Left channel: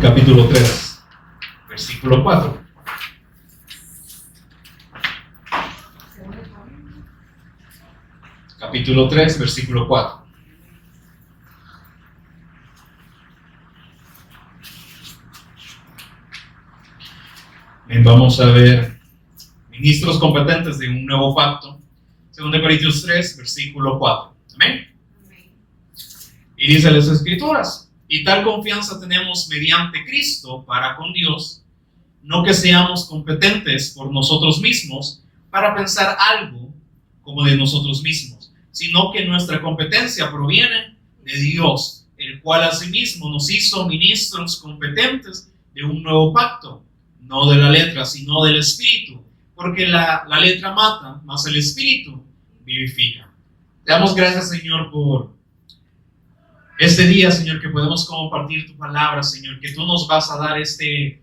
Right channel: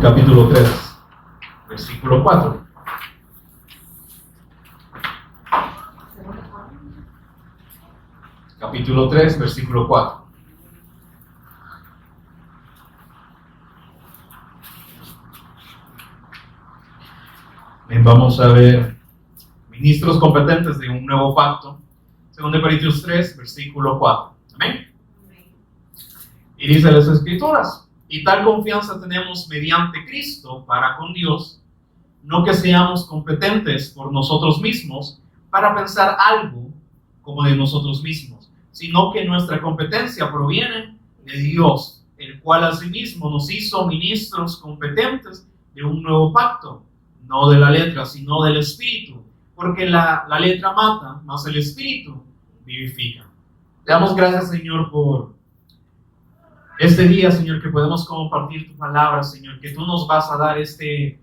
capítulo 3, versículo 4. Capítulo 3, versículo 4. Bien, vamos a ver ministros competentes de un nuevo pacto. 2 Corintios 3, versículo 4. Amén. Y dice las Escrituras: y tal confianza tenemos mediante Cristo para con Dios, no que seamos competentes por nosotros mismos para pensar algo como de nosotros mismos, sino que nuestra competencia proviene de Dios, el cual asimismo nos hizo ministros competentes de un nuevo pacto, no de la letra, sino del Espíritu, porque la letra mata, mas el Espíritu vivifica. Te damos gracias, Señor, por este día, Señor, que podemos compartir tu palabra, Señor, que tú nos vas a dar este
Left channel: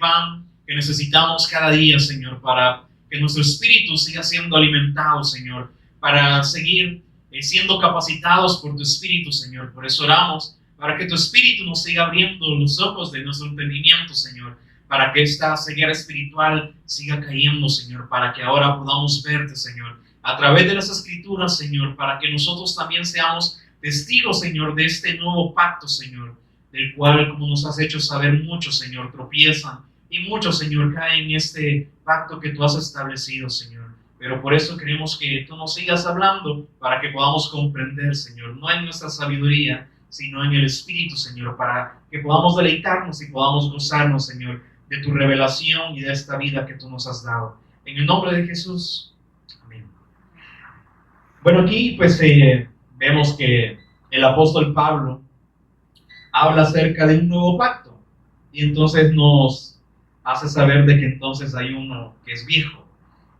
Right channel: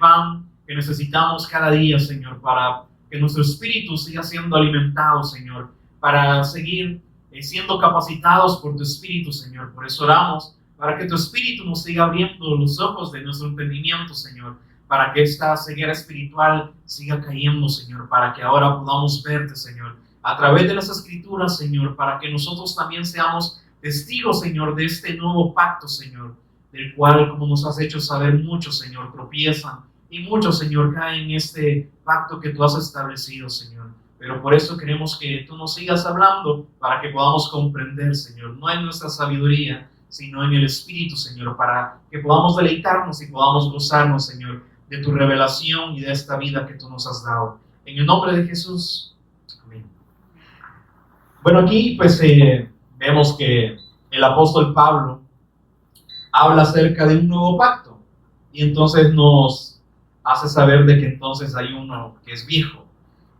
pan que necesitamos cada día, Señor, para que nuestro espíritu siga siendo alimentado, Señor, para seguir siendo capacitados por tu Espíritu, Señor. Por eso oramos, para que tu Espíritu nos siga abriendo los ojos de nuestro entendimiento, Señor, para que esta ceguera espiritual siga cayendo, Señor, para que ahora podamos verte, Señor, a través de las Escrituras, Señor, para que nosotros también seamos testigos, Señor, de este nuevo pacto, Señor, del cual, como nos has hecho saber, muchos, Señor, tropiezan y muchos, Señor, caen en este pacto que tú has establecido, Señor. Pero por eso queremos que tú nos sigas hablando para que podamos comprender, Señor, no en nuestra sabiduría, sino en el Espíritu, Señor, para que podamos deleitarnos y podamos gozarnos, Señor, de tu revelación y de esta vida que tú nos has dado. En el nombre de Jesús, amén. Bueno, aquí pues vemos que el apóstol Pablo habla acerca de un nuevo pacto y entonces nos hace saber de que entonces hay uno que es viejo.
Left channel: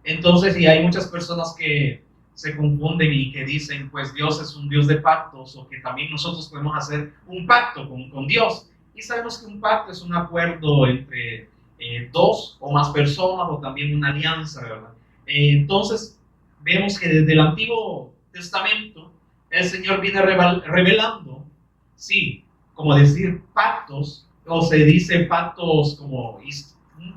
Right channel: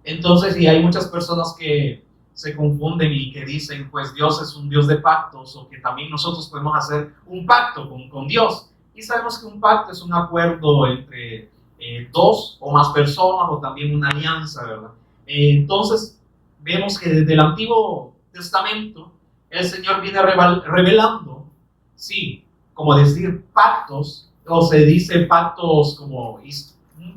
Entonces, y hay muchas personas que se confunden y que dicen, pues Dios es un Dios de pactos, o que también nosotros podemos hacer un pacto con Dios. Y sabemos que un pacto es un acuerdo entre dos o más personas, o también una alianza, ¿verdad? Entonces, vemos que desde el Antiguo Testamento el Señor viene revelando, sí, como decir pactos, o se dice pactos como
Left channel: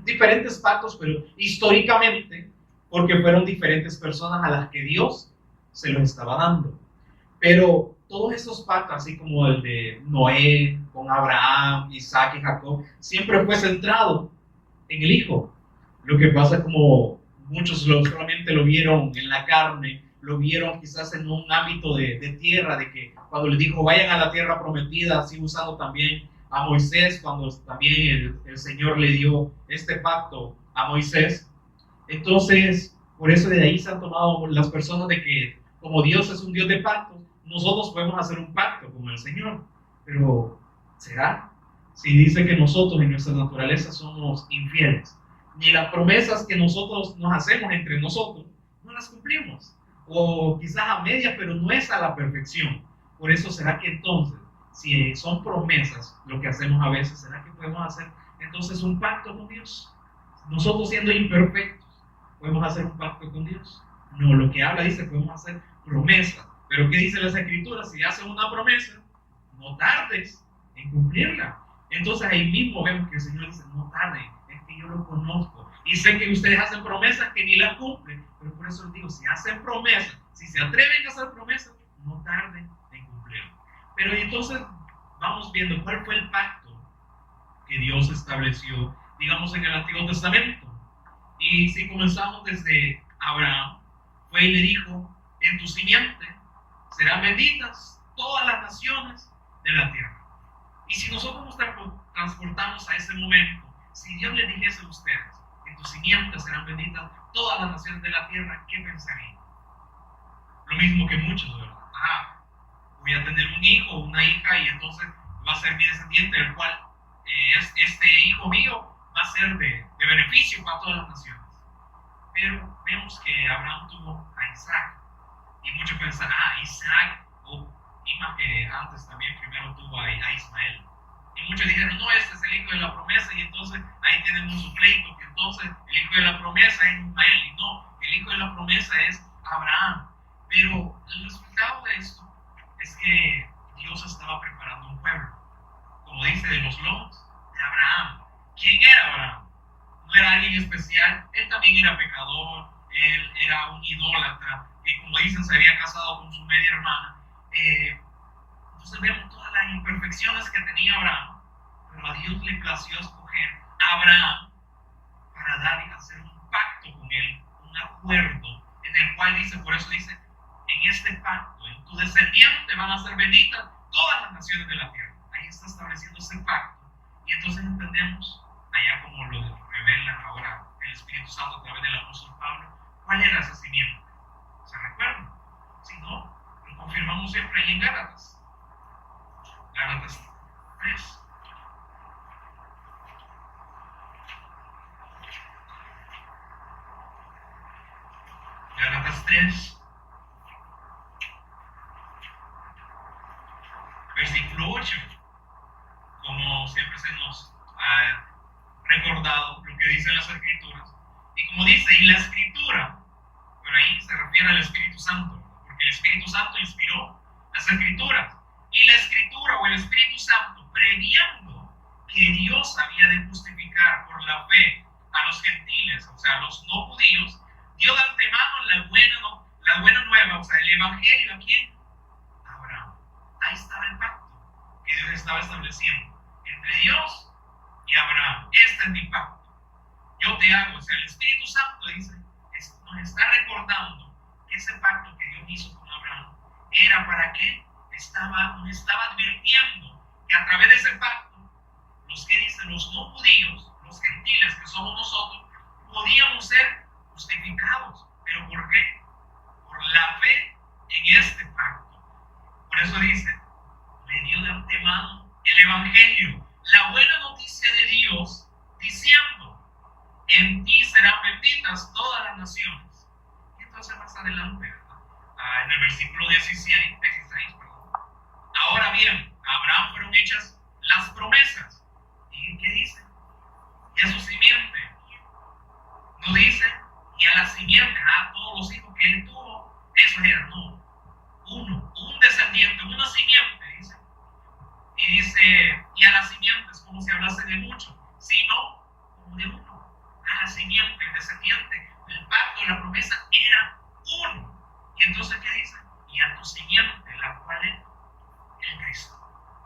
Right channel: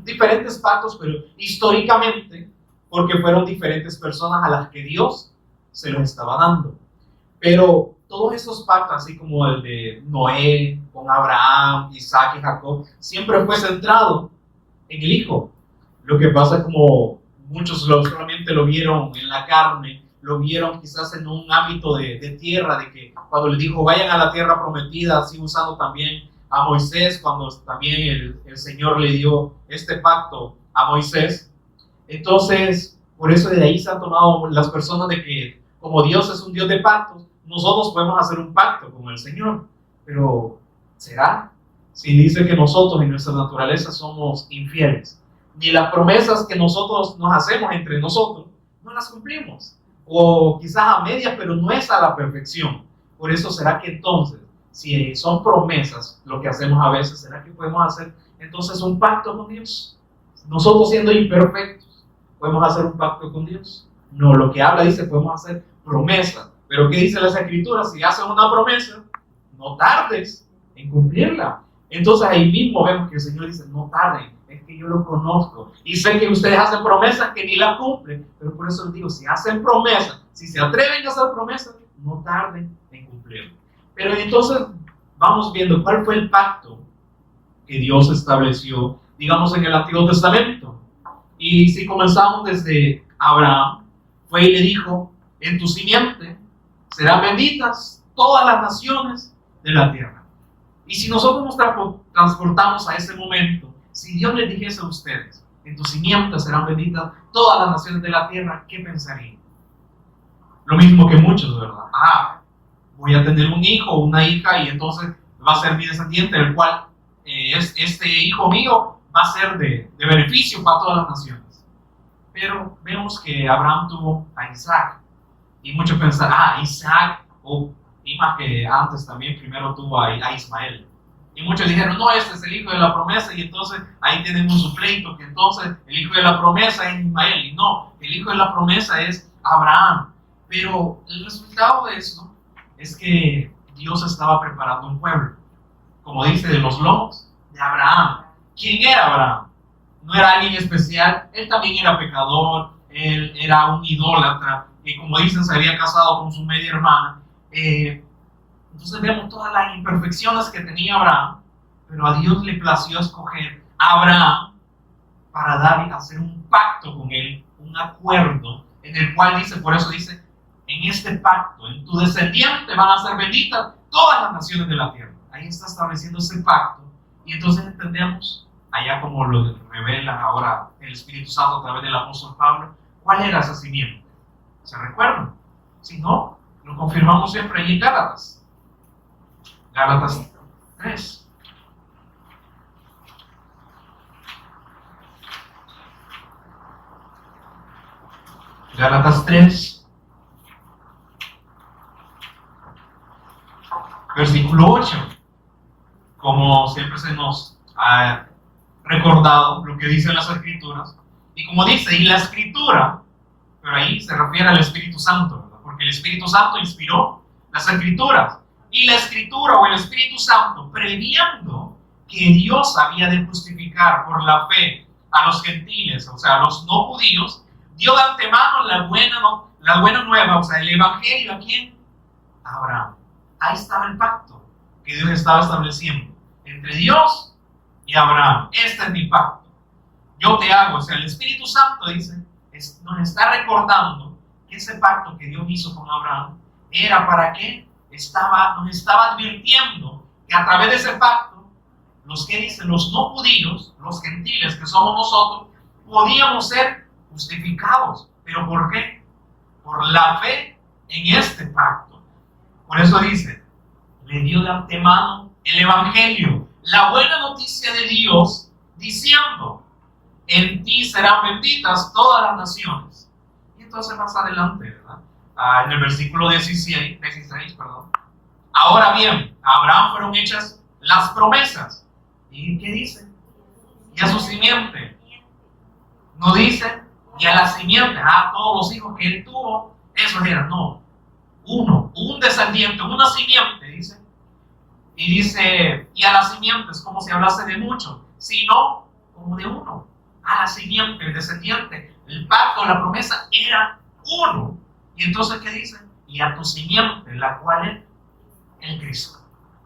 diferentes pactos, pero históricamente, porque fueron diferentes personas a las que Dios se los estaba dando. Pero todos esos pactos, así como el de Noé con Abraham, Isaac y Jacob, siempre fue centrado en el Hijo. Lo que pasa, como muchos solamente lo vieron en la carne, lo vieron quizás en un ámbito de tierra, de que cuando le dijo vayan a la tierra prometida, así usando también a Moisés, cuando también el Señor le dio este pacto a Moisés. Entonces, por eso de ahí se han tomado las personas de que como Dios es un Dios de pactos, nosotros podemos hacer un pacto con el Señor. Pero, ¿será? Si dice que nosotros en nuestra naturaleza somos infieles, ni las promesas que nosotros nos hacemos entre nosotros, no las cumplimos. O quizás a medias, pero no es a la perfección. Por eso, ¿será que entonces, si son promesas lo que hacemos a veces, ¿será que podemos hacer entonces un pacto con Dios? Nosotros, siendo imperfectos, ¿podemos hacer un pacto con Dios? No, lo que habla dice, podemos hacer promesas. Pero ¿qué dice las Escrituras? Si haces una promesa, no tardes en cumplirla. Entonces ahí mismo vemos que el Señor dice, no tarden, es que yo lo conozco. Y sé que ustedes hacen promesas que ni las cumplen, pero por eso les digo, si hacen promesas, si se atreven a hacer promesas, no tarden en cumplirlo. Pero entonces vamos viendo cuál fue el pacto que Dios estableció, digamos, en el Antiguo Testamento. Y si comenzamos desde Abraham, fue y le dijo, en tu simiente serán benditas todas las naciones de la tierra. Y si nosotros nos transportamos a ese momento, si Dios les dijese a ustedes, en tu simiente serán benditas todas las naciones de la tierra, ¿qué pensarían? Lo mismo que muchos, ¿verdad? Voy a tener un hijo o una hija y entonces va a ser mi descendiente, el cual este hijo mío va a ser de beneficio para todas las naciones. Pero vemos que Abraham tuvo a Isaac, y muchos pensan, Isaac, y más que antes también, primero tuvo a Ismael. Y muchos dijeron, no, este es el hijo de la promesa, y entonces ahí tienen un pleito, que entonces el hijo de la promesa es Ismael, y no, el hijo de la promesa es Abraham. Pero el resultado de esto es que Dios estaba preparando un pueblo, como dice, de los lomos de ¿Quién era Abraham? No era alguien especial, él también era pecador, él era un idólatra, y como dicen, se había casado con su media hermana. Entonces vemos todas las imperfecciones que tenía Abraham, pero a Dios le plació escoger a Abraham para darle, hacer un pacto con él, un acuerdo, en el cual dice, por eso dice, en este pacto, en tu descendiente van a ser benditas todas las naciones de la tierra. Ahí está estableciendo ese pacto, y entonces entendemos, allá como lo revela ahora el Espíritu Santo a través del apóstol Pablo, cuál era esa simiente. ¿Se recuerdan? Si no, lo confirmamos siempre ahí en Gálatas. Gálatas 3. Gálatas 3, versículo 8. Como siempre se nos ha recordado lo que dicen las Escrituras. Y como dice, y la Escritura, pero ahí se refiere al Espíritu Santo, ¿verdad? Porque el Espíritu Santo inspiró las Escrituras. Y la Escritura o el Espíritu Santo, previendo que Dios había de justificar por la fe a los gentiles, o sea, a los no judíos, dio de antemano la buena nueva, o sea, el Evangelio, ¿a quién? A Abraham. Ahí estaba el pacto que Dios estaba estableciendo entre Dios y Abraham. Este es mi pacto. Yo te hago, o sea, el Espíritu Santo dice, nos está recordando que ese pacto que Dios hizo con Abraham era para qué. Nos estaba advirtiendo que a través de ese pacto, los que dicen los no judíos, los gentiles que somos nosotros, podíamos ser justificados. ¿Pero por qué? Por la fe en este pacto. Por eso dice, le dio de antemano el Evangelio, la buena noticia de Dios, diciendo, en ti serán benditas todas las naciones. Y entonces más adelante, ¿verdad? En el versículo 16, perdón. Ahora bien, a Abraham fueron hechas las promesas. ¿Y qué dice? Y a su simiente. No dice, y a la simiente, a todos los hijos que él tuvo, esos eran, no. Un descendiente, una simiente, dice. Y dice, y a la simiente, es como si hablase de muchos, sino como de uno. A la simiente, el descendiente, el pacto, la promesa era uno. Y entonces, ¿qué dice? Y a tu simiente, la cual es el Cristo.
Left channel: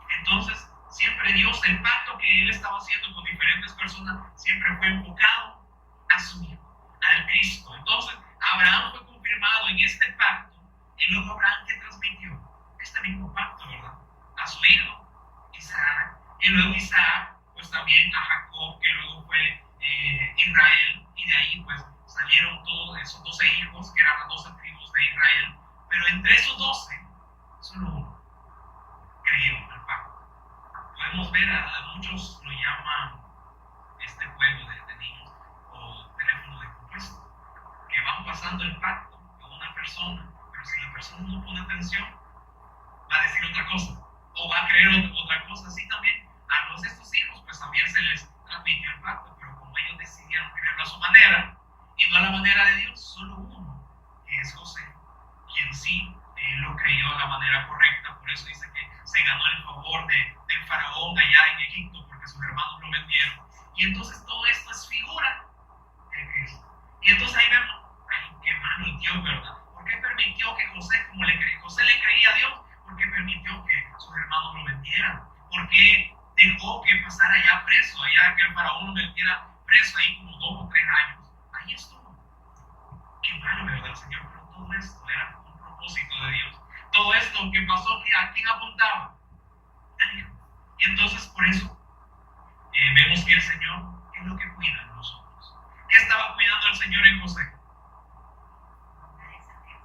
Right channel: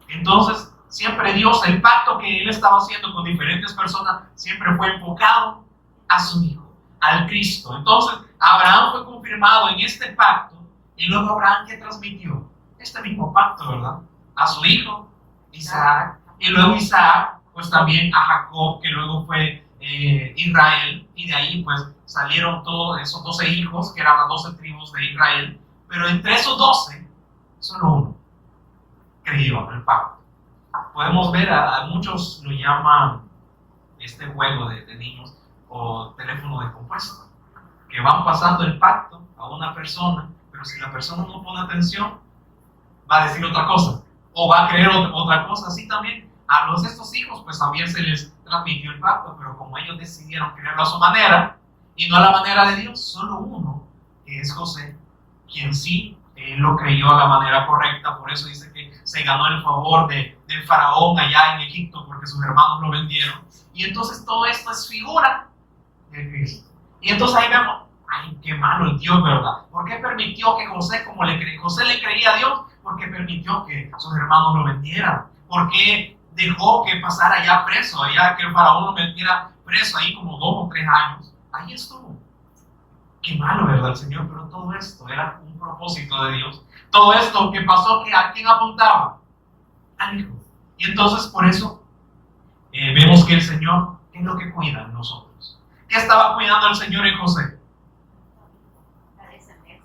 Entonces, siempre Dios, el pacto que Él estaba haciendo con diferentes personas, siempre fue enfocado a su Hijo, al Cristo. Entonces, Abraham fue confirmado en este pacto, y luego Abraham, ¿qué transmitió? Este mismo pacto, ¿verdad? A su hijo, Isaac, y luego Isaac, pues también a Jacob, que luego fue Israel, y de ahí, pues, salieron todos esos 12 hijos, que eran las 12 tribus de Israel, pero entre esos 12, solo uno creyó en el pacto. Podemos ver a muchos lo llaman este juego de niños o teléfono de compuesto, que van pasando el pacto a una persona, pero si la persona no pone atención, va a decir otra cosa, o va a creer otra cosa. Así también a estos hijos, pues también se les transmitió el pacto, pero como ellos decidieron creerlo a su manera, y no a la manera de Dios, solo uno, que es José, quien sí lo creyó a la manera correcta. Por eso dice que se ganó el favor del faraón allá en Egipto, porque sus hermanos lo vendieron. Y entonces todo esto es figura de Cristo. Y entonces ahí vemos, ay, qué malo el Dios, ¿verdad? ¿Por qué permitió que José, José le creía a Dios? ¿Por qué permitió que sus hermanos lo vendieran? ¿Por qué dejó que pasara allá preso, allá que el faraón lo metiera preso ahí como 2 o 3 años? Ahí estuvo. Qué malo, ¿verdad, el Señor? Pero todo esto era un propósito de Dios. Todo esto que pasó, ¿a quién apuntaba? Al Hijo. Y entonces, por eso, vemos que el Señor es lo que cuida en nosotros. ¿Qué estaba cuidando el Señor en José?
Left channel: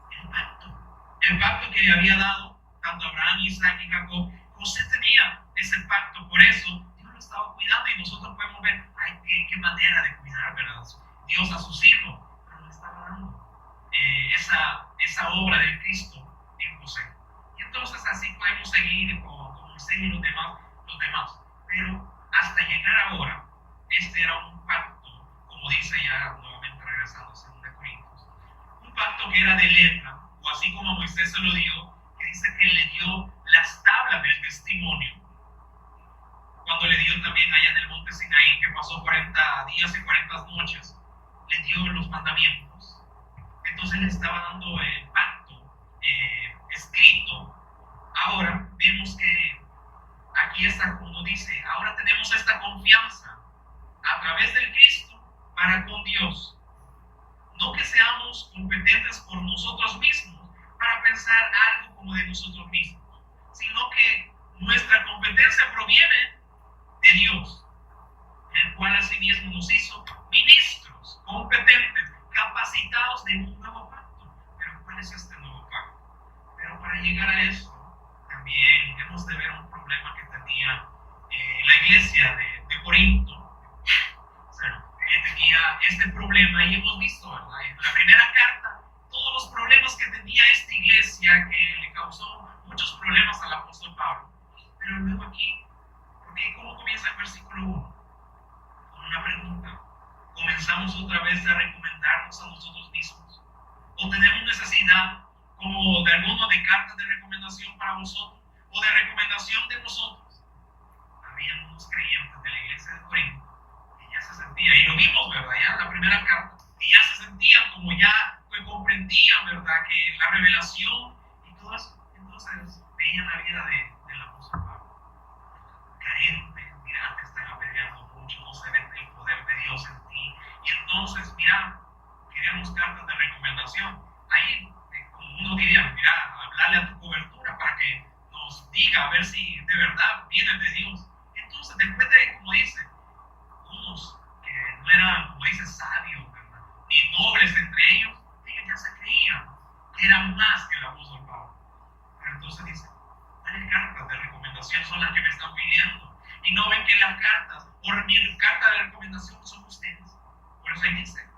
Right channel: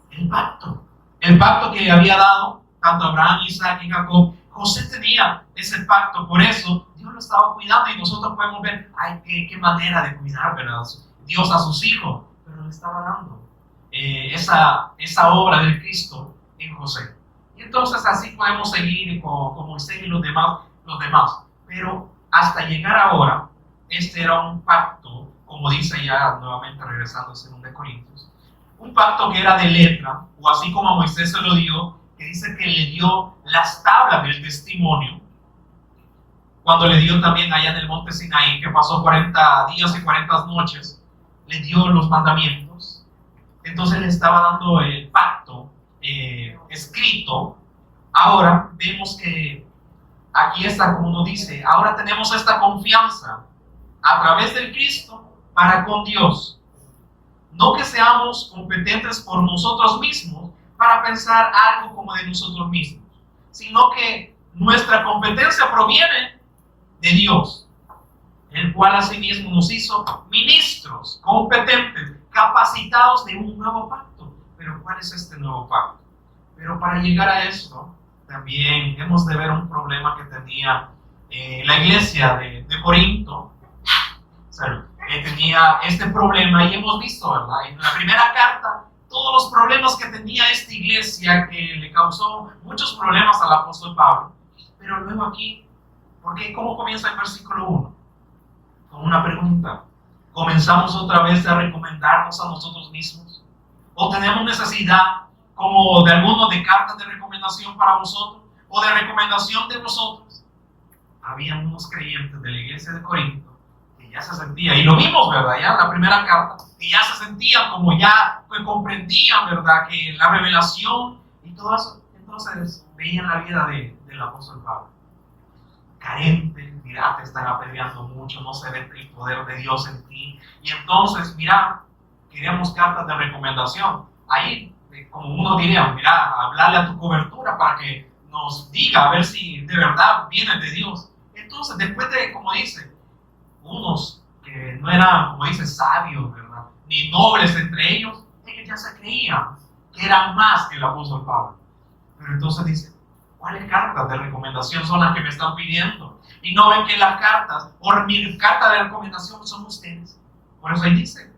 El pacto. El pacto que le había dado tanto a Abraham, Isaac y Jacob. José tenía ese pacto, por eso Dios lo estaba cuidando, y nosotros podemos ver, ay, qué manera de cuidar, ¿verdad? Dios a sus hijos, pero le estaba dando esa obra del Cristo en José. Y entonces así podemos seguir con Moisés y los demás. Pero hasta llegar ahora, este era un pacto, como dice ya nuevamente regresando a 2 Corintios, un pacto que era de letra, o así como a Moisés se lo dio, que dice que le dio las tablas del testimonio. cuando le dio también allá en el monte Sinaí, que pasó 40 días y 40 noches, le dio los mandamientos. Entonces le estaba dando el pacto escrito. Ahora vemos que aquí está, como nos dice, ahora tenemos esta confianza a través del Cristo para con Dios. No que seamos competentes por nosotros mismos para pensar algo como de nosotros mismos, sino que nuestra competencia proviene de Dios, el cual asimismo nos hizo ministros competentes, capacitados de un nuevo pacto. Pero ¿cuál es este nuevo pacto? Pero para llegar a eso, también hemos de ver un problema que tenía la iglesia de Corinto. O sea, tenía este problema, y hemos visto, ¿verdad?, en la primera carta, todos los problemas que tenía esta iglesia, que le causó muchos problemas al apóstol Pablo. Pero luego aquí, porque ¿cómo comienza el versículo 1? Con una pregunta. ¿Comenzamos otra vez a recomendarnos a nosotros mismos? ¿O tenemos necesidad como de alguno de cartas de recomendación para vosotros, o de recomendación de vosotros? Había unos creyentes de la iglesia de Corinto que ya se sentían, y lo vimos, ¿verdad?, ya en la primera carta, que ya se sentían como ya comprendían, ¿verdad?, que la revelación y todo eso. Entonces veían la vida del apóstol Pablo carente. Mira, te están apedreando mucho, no se ve el poder de Dios en ti, y entonces, mira, queremos cartas de recomendación. Ahí, como uno diría, mira, hablarle a tu cobertura para que nos diga a ver si de verdad viene de Dios. Entonces, después de, como dice, unos que no eran, como dice, sabios, ¿verdad?, ni nobles entre ellos ya se creían que eran más que el apóstol Pablo. Pero entonces dice, ¿cuáles cartas de recomendación son las que me están pidiendo? Y no ven que las cartas, o mi carta de recomendación, son ustedes. Por eso ahí dice,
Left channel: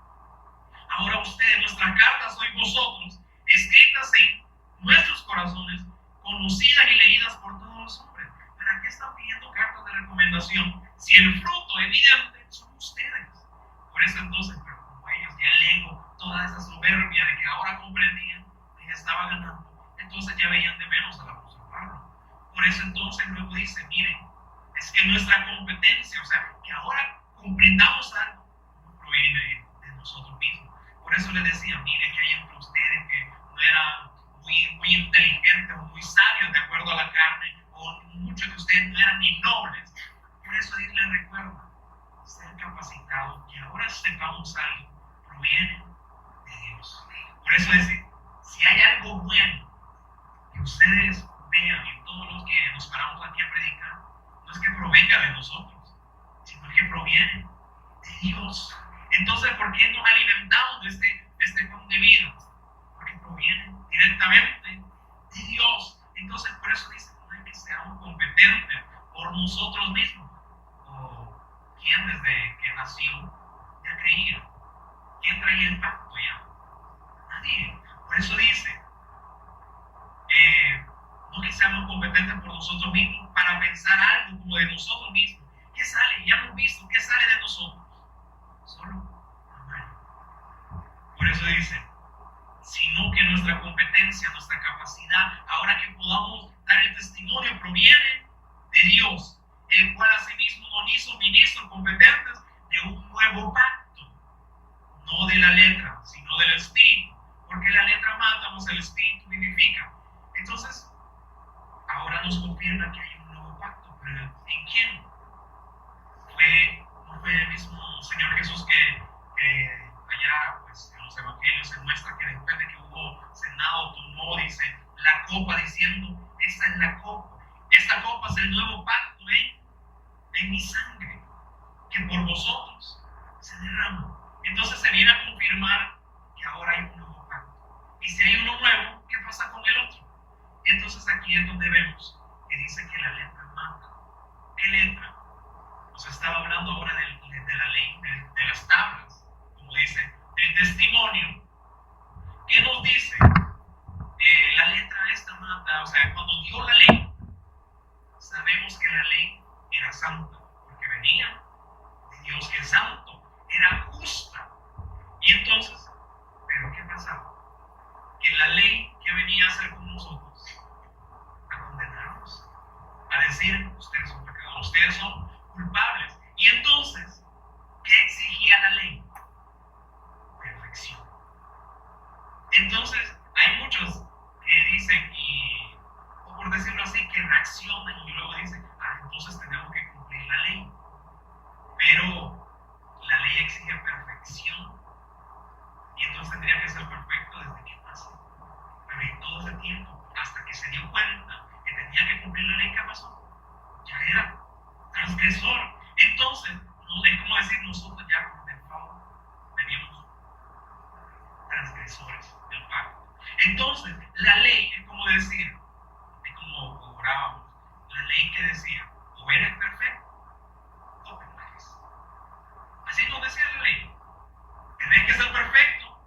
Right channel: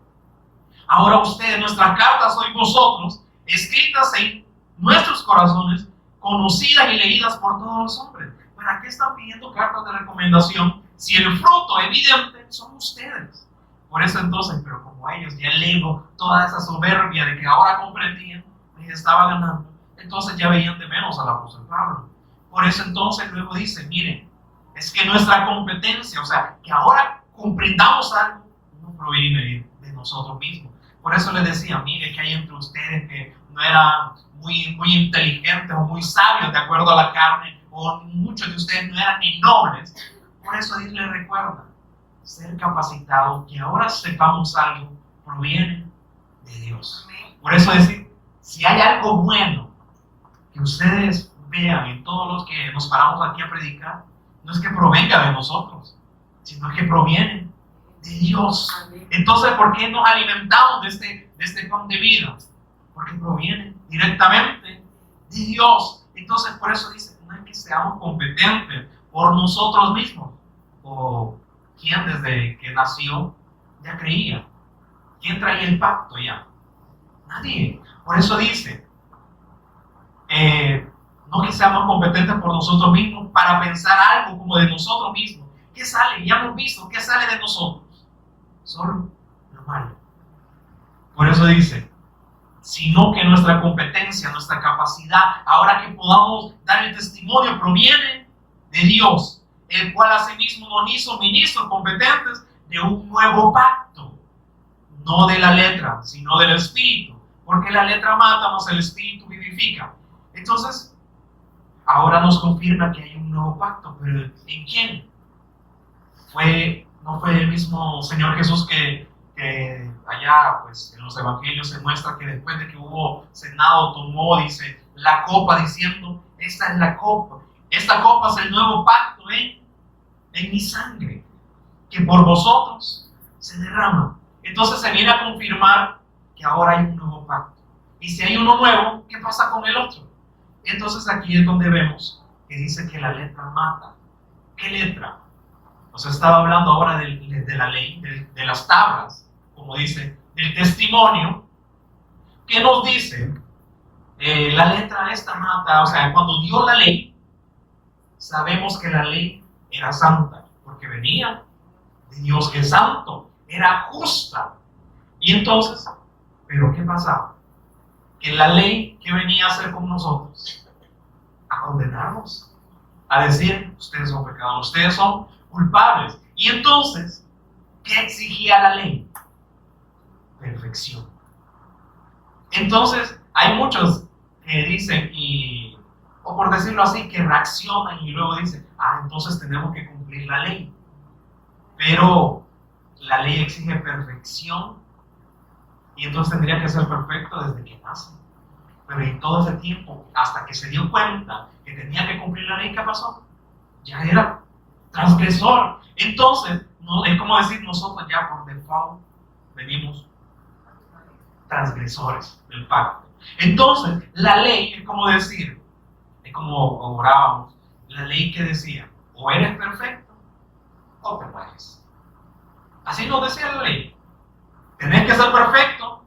ahora ustedes, nuestras cartas sois vosotros, escritas en nuestros corazones, conocidas y leídas por todos los hombres. ¿Para qué están pidiendo cartas de recomendación si el fruto evidente son ustedes? Por eso entonces, pero como a ellos ya el ego, toda esa soberbia de que ahora comprendían, les estaba ganando, entonces ya veían de menos al apóstol Pablo. Por eso entonces luego dice, miren, es que nuestra competencia, o sea, que ahora comprendamos algo, no proviene de nosotros mismos. Por eso les decía, mire, que hay entre ustedes que no eran muy inteligentes o muy sabios de acuerdo a la carne, o muchos de ustedes no eran ni nobles. Por eso Dios les recuerda, ser capacitados, que ahora sepamos algo, proviene de Dios. Por eso decir, si hay algo bueno que ustedes vean en todos los que nos paramos aquí a predicar, no es que provenga de nosotros, sino que proviene de Dios. Entonces, ¿por qué nos alimentamos de este pan de vida? Porque proviene directamente de Dios. Entonces, por eso dice, no es que seamos competentes por nosotros mismos. O ¿quién desde que nació ya creía? ¿Quién traía el pacto ya? Nadie. Por eso dice, no que seamos competentes por nosotros mismos para pensar algo como de nosotros mismos. ¿Qué sale? Ya hemos visto, ¿qué sale de nosotros? Solo lo malo. Por eso dice, sino que nuestra competencia, nuestra capacidad, ahora que podamos dar el testimonio, proviene de Dios, el cual asimismo nos hizo ministros competentes de un nuevo pacto, no de la letra, sino del Espíritu, porque la letra mata, mas el Espíritu vivifica. Entonces, ahora nos confirma que hay un nuevo pacto, pero ¿en quién? No fue el mismo Señor Jesús que allá, pues, en los evangelios se muestra que después de que hubo cenado, tomó, dice, la copa, diciendo, esta es la copa, esta copa es el nuevo pacto en mi sangre, que por vosotros se derrama. Entonces se viene a confirmar que ahora hay un nuevo pacto. Y si hay uno nuevo, ¿qué pasa con el otro? Entonces aquí es donde vemos que dice que la letra mata. ¿Qué letra? O sea, estaba hablando ahora de la ley, de las tablas, como dice, del testimonio, que nos dice, la letra esta mata. O sea, cuando dio la ley, sabemos que la ley era santa, porque venía de Dios, que es santo, era justa. Y entonces, ¿pero qué pasaba? Que la ley, ¿qué venía a hacer con nosotros? A condenarnos, a decir, ustedes son pecadores, ustedes son culpables. Y entonces, ¿qué exigía la ley? Perfección. Entonces, hay muchos que dicen, o por decirlo así, que reaccionan y luego dicen, entonces tenemos que cumplir la ley. Pero la ley exige perfección y entonces tendría que ser perfecto desde que nace. Pero en todo ese tiempo, hasta que se dio cuenta que tenía que cumplir la ley, ¿qué pasó? Ya era transgresor. Entonces, no, es como decir, nosotros ya por default venimos transgresores del pacto. Entonces, la ley es como decir, es como orábamos, la ley que decía, o eres perfecto o te mueres. Así nos decía la ley. Tenés que ser perfecto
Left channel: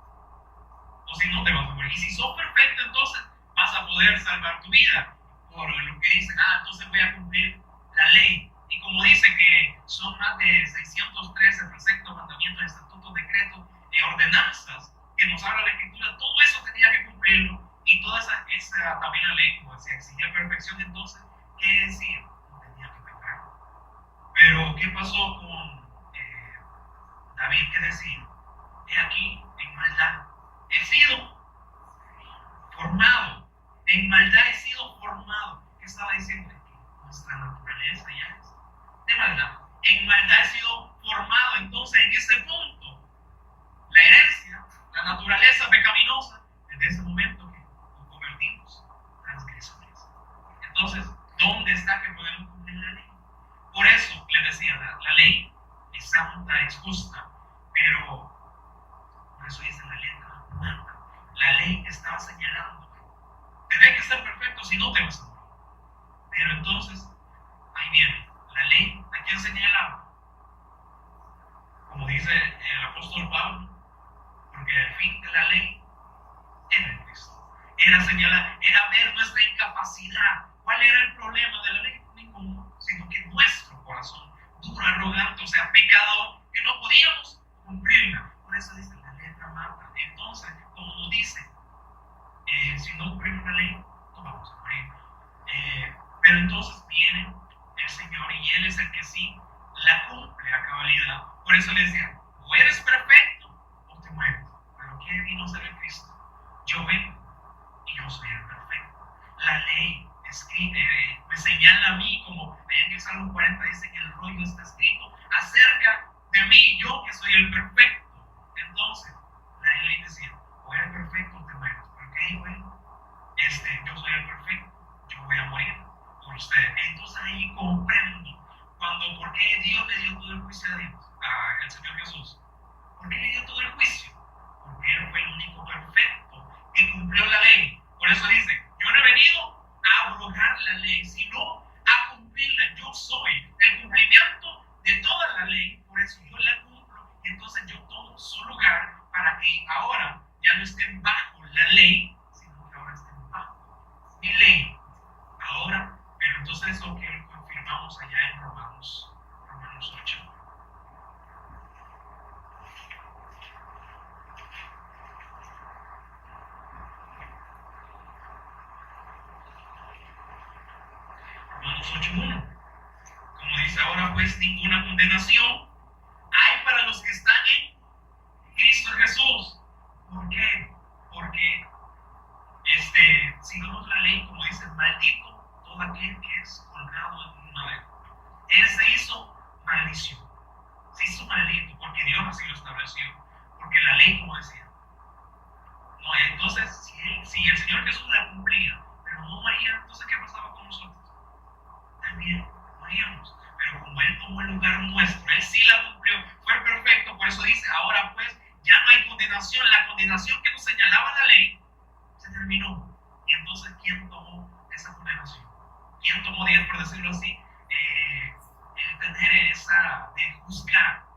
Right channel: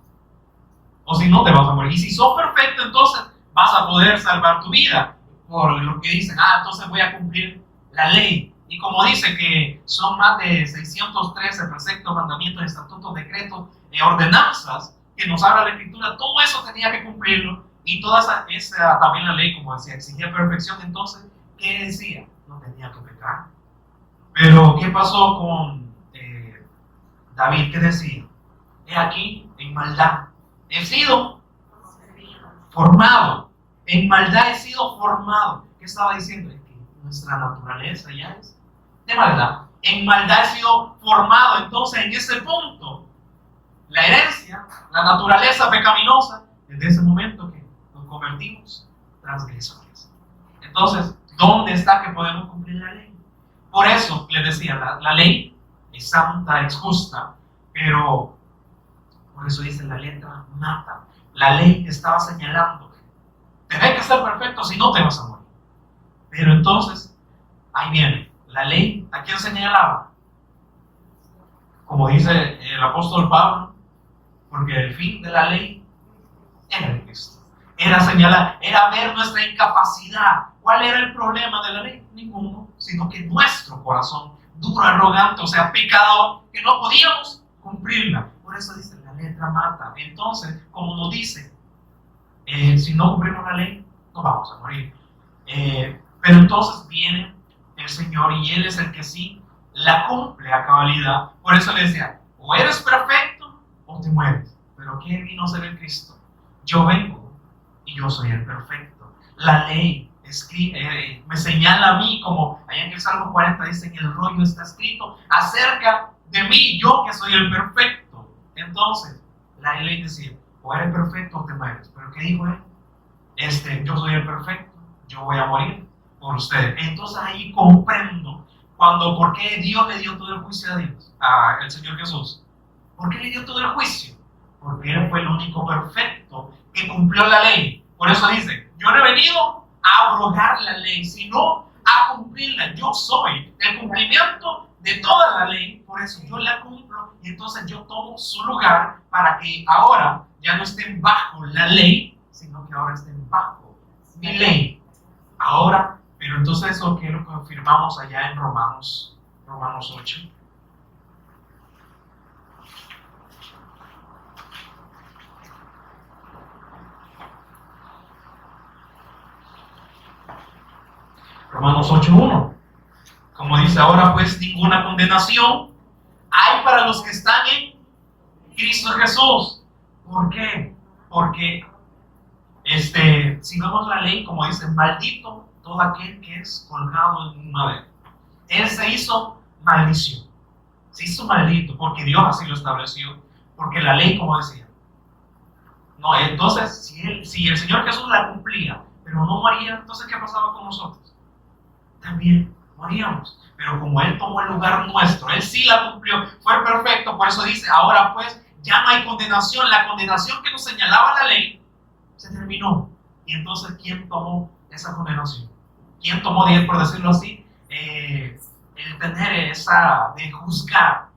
o si no te vas a morir. Y si sos perfecto, entonces vas a poder salvar tu vida. Por lo que dicen, entonces voy a cumplir la ley. Y como dice que son más de 613 preceptos, mandamientos, estatutos, decretos, ordenanzas que nos habla la Escritura, todo eso tenía que cumplirlo. Y toda esa también la ley, como decía, exigía perfección. Entonces, ¿qué decía? No tenía que pecar. Pero, ¿qué pasó con David? ¿Qué decía? He aquí, en maldad he sido formado. En maldad he sido formado. ¿Qué estaba diciendo? Es que nuestra naturaleza ya es de maldad. En maldad he sido formado. Entonces, en ese punto, la herencia, la naturaleza pecaminosa, desde ese momento que nos convertimos transgresores. Entonces, ¿dónde está que podemos cumplir la ley? Por eso les decía, la ley es santa, es justa, pero por eso dice la letra mata. La ley estaba señalando, tenés que ser perfecto, si no te vas a morir. Pero entonces, ahí viene, la ley, ¿a quién señalaba? Como dice el apóstol Pablo, porque el fin de la ley era el Cristo. Era señalar, era ver nuestra incapacidad. ¿Cuál era el problema de la ley? Ninguno, sino que nuestro corazón duro, arrogante, o sea, pecador, que no podíamos cumplirla. Por eso dice, la letra mata. Entonces, como nos dice, si no cumplimos la ley, nos vamos a morir. Pero entonces viene el Señor y Él es el que sí la cumple a cabalidad. Por eso le decía, o eres perfecto o te mueres. Pero ¿qué vino a ser el Cristo? Yo vengo y yo soy el perfecto. La ley me señala a mí, como allá en el Salmo 40 dice, en el rollo está escrito acerca de mí, yo que soy el perfecto. Entonces, la ley decía, o eres perfecto o te mueres. Pero ¿qué dijo él? Yo soy el perfecto, yo voy a morir por ustedes. Entonces ahí comprendo por qué Dios le dio todo el juicio a Dios, al Señor Jesús. ¿Por qué le dio todo el juicio? Porque Él fue el único perfecto que cumplió la ley. Por eso dice, yo no he venido a abrogar la ley, sino a cumplirla. Yo soy el cumplimiento de toda la ley, por eso yo la cumplo y entonces yo tomo su lugar para que ahora ya no estén bajo la ley, sino que ahora estén bajo mi ley. Ahora, pero entonces eso que lo confirmamos allá en Romanos 8. Romanos 8:1. Como dice ahora, pues ninguna condenación hay para los que están en Cristo Jesús. ¿Por qué? Porque si vemos la ley, como dice, maldito todo aquel que es colgado en un madero. Él se hizo maldición. Se hizo maldito porque Dios así lo estableció. Porque la ley, como decía. No, entonces, si el Señor Jesús la cumplía, pero no moría, entonces ¿qué pasaba con nosotros? También moríamos. Pero como Él tomó el lugar nuestro, Él sí la cumplió, fue perfecto. Por eso dice, ahora pues ya no hay condenación. La condenación que nos señalaba la ley se terminó. Y entonces, ¿quién tomó esa condenación? ¿Quién tomó, por decirlo así, el tener esa de juzgar?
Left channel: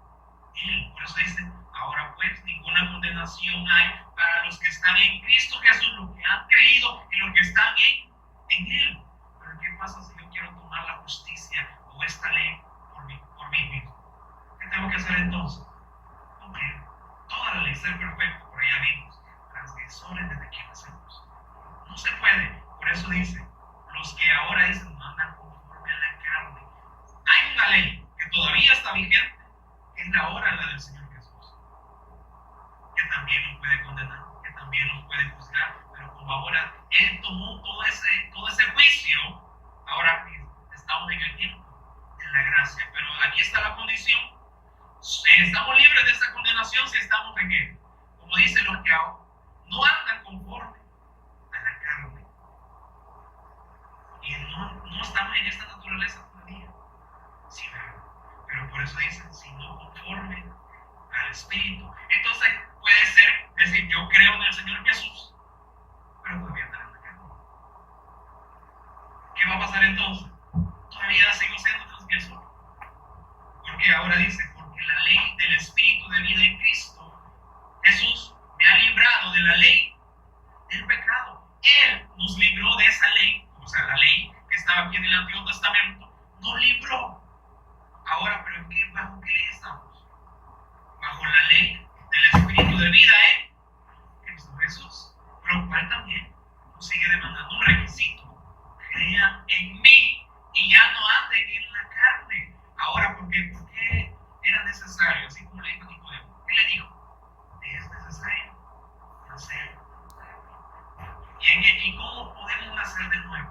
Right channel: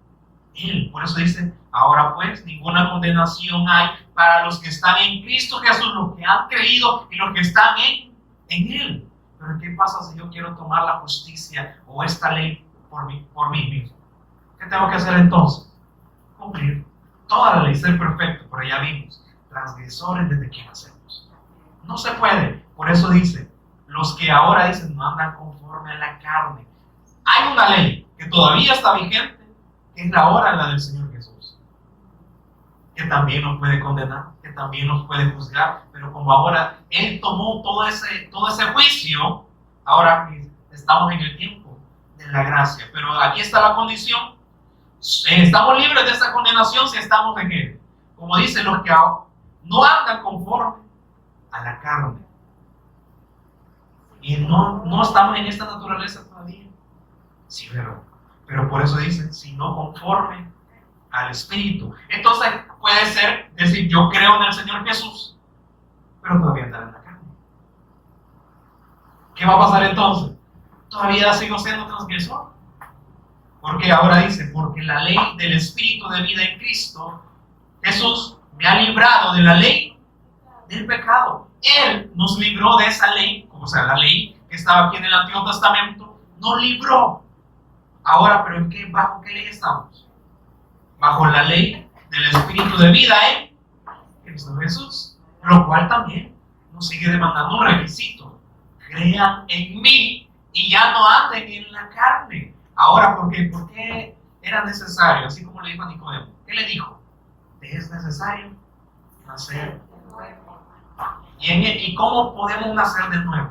Él. Por eso dice, ahora pues ninguna condenación hay para los que están en Cristo Jesús, los que han creído y los que están en Él. Pero ¿qué pasa si yo quiero tomar la justicia o esta ley por mí mismo? ¿Qué tengo que hacer entonces? Cumplir toda la ley, ser perfecto. Pero ya vimos, transgresores desde que nacemos. No se puede. Por eso dice, los que ahora dicen no andan conforme a la carne. Hay una ley que todavía está vigente, que es ahora la del Señor Jesús, que también nos puede condenar, que también nos puede juzgar, pero como ahora Él tomó todo ese juicio, ahora estamos en el tiempo de la gracia. Pero aquí está la condición: estamos libres de esa condenación si estamos en Él. Como dicen los que no andan conforme a la carne. Y no estamos en esta naturaleza todavía. Sí, pero por eso dicen, sino conforme al Espíritu. Entonces puede ser decir, yo creo en el Señor Jesús, pero todavía andar en la carne. ¿Qué va a pasar entonces? Todavía sigo siendo transgresor. Porque ahora dice, porque la ley del Espíritu de vida en Cristo Jesús me ha librado de la ley del pecado. Él nos libró de esa ley, o sea, la ley que estaba aquí en el Antiguo Testamento, nos libró. Ahora, ¿pero bajo qué ley estamos? Bajo la ley del Espíritu de vida en Cristo Jesús, lo cual también nos sigue demandando un requisito: crean en mí y ya no anden en la carne. Ahora, ¿por qué era necesario? Así como le dijo a Nicodemo. ¿Qué le dijo? Es necesario nacer de nuevo. ¿Y cómo podemos nacer de nuevo?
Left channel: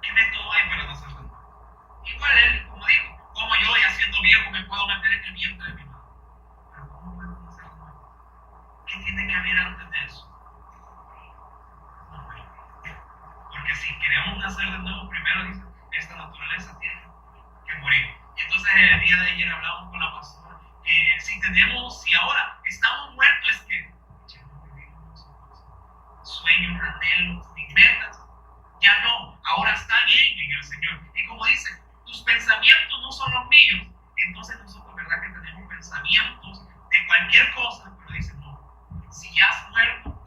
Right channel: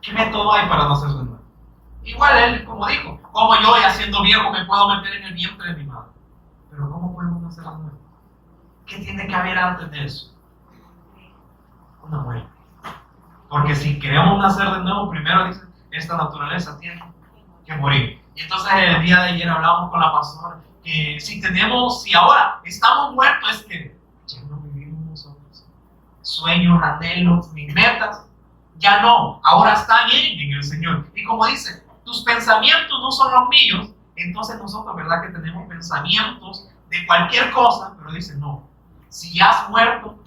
¿Qué método hay para nacer de nuevo? Igual él, como dijo, como yo ya siendo viejo me puedo meter en el vientre de mi madre. Pero ¿cómo podemos nacer de nuevo? ¿Qué tiene que haber antes de eso? Una muerte. Porque si queremos nacer de nuevo, primero dice, esta naturaleza tiene que morir. Y entonces el día de ayer hablábamos con la pastora que si ahora estamos muertos, es que ya no vivimos nosotros. Sueños, anhelos, mis metas, ya no, ahora están en el Señor. Y como dice, tus pensamientos no son los míos. Entonces nosotros, ¿verdad? Que tenemos pensamientos de cualquier cosa, pero dice, no, si ya has muerto,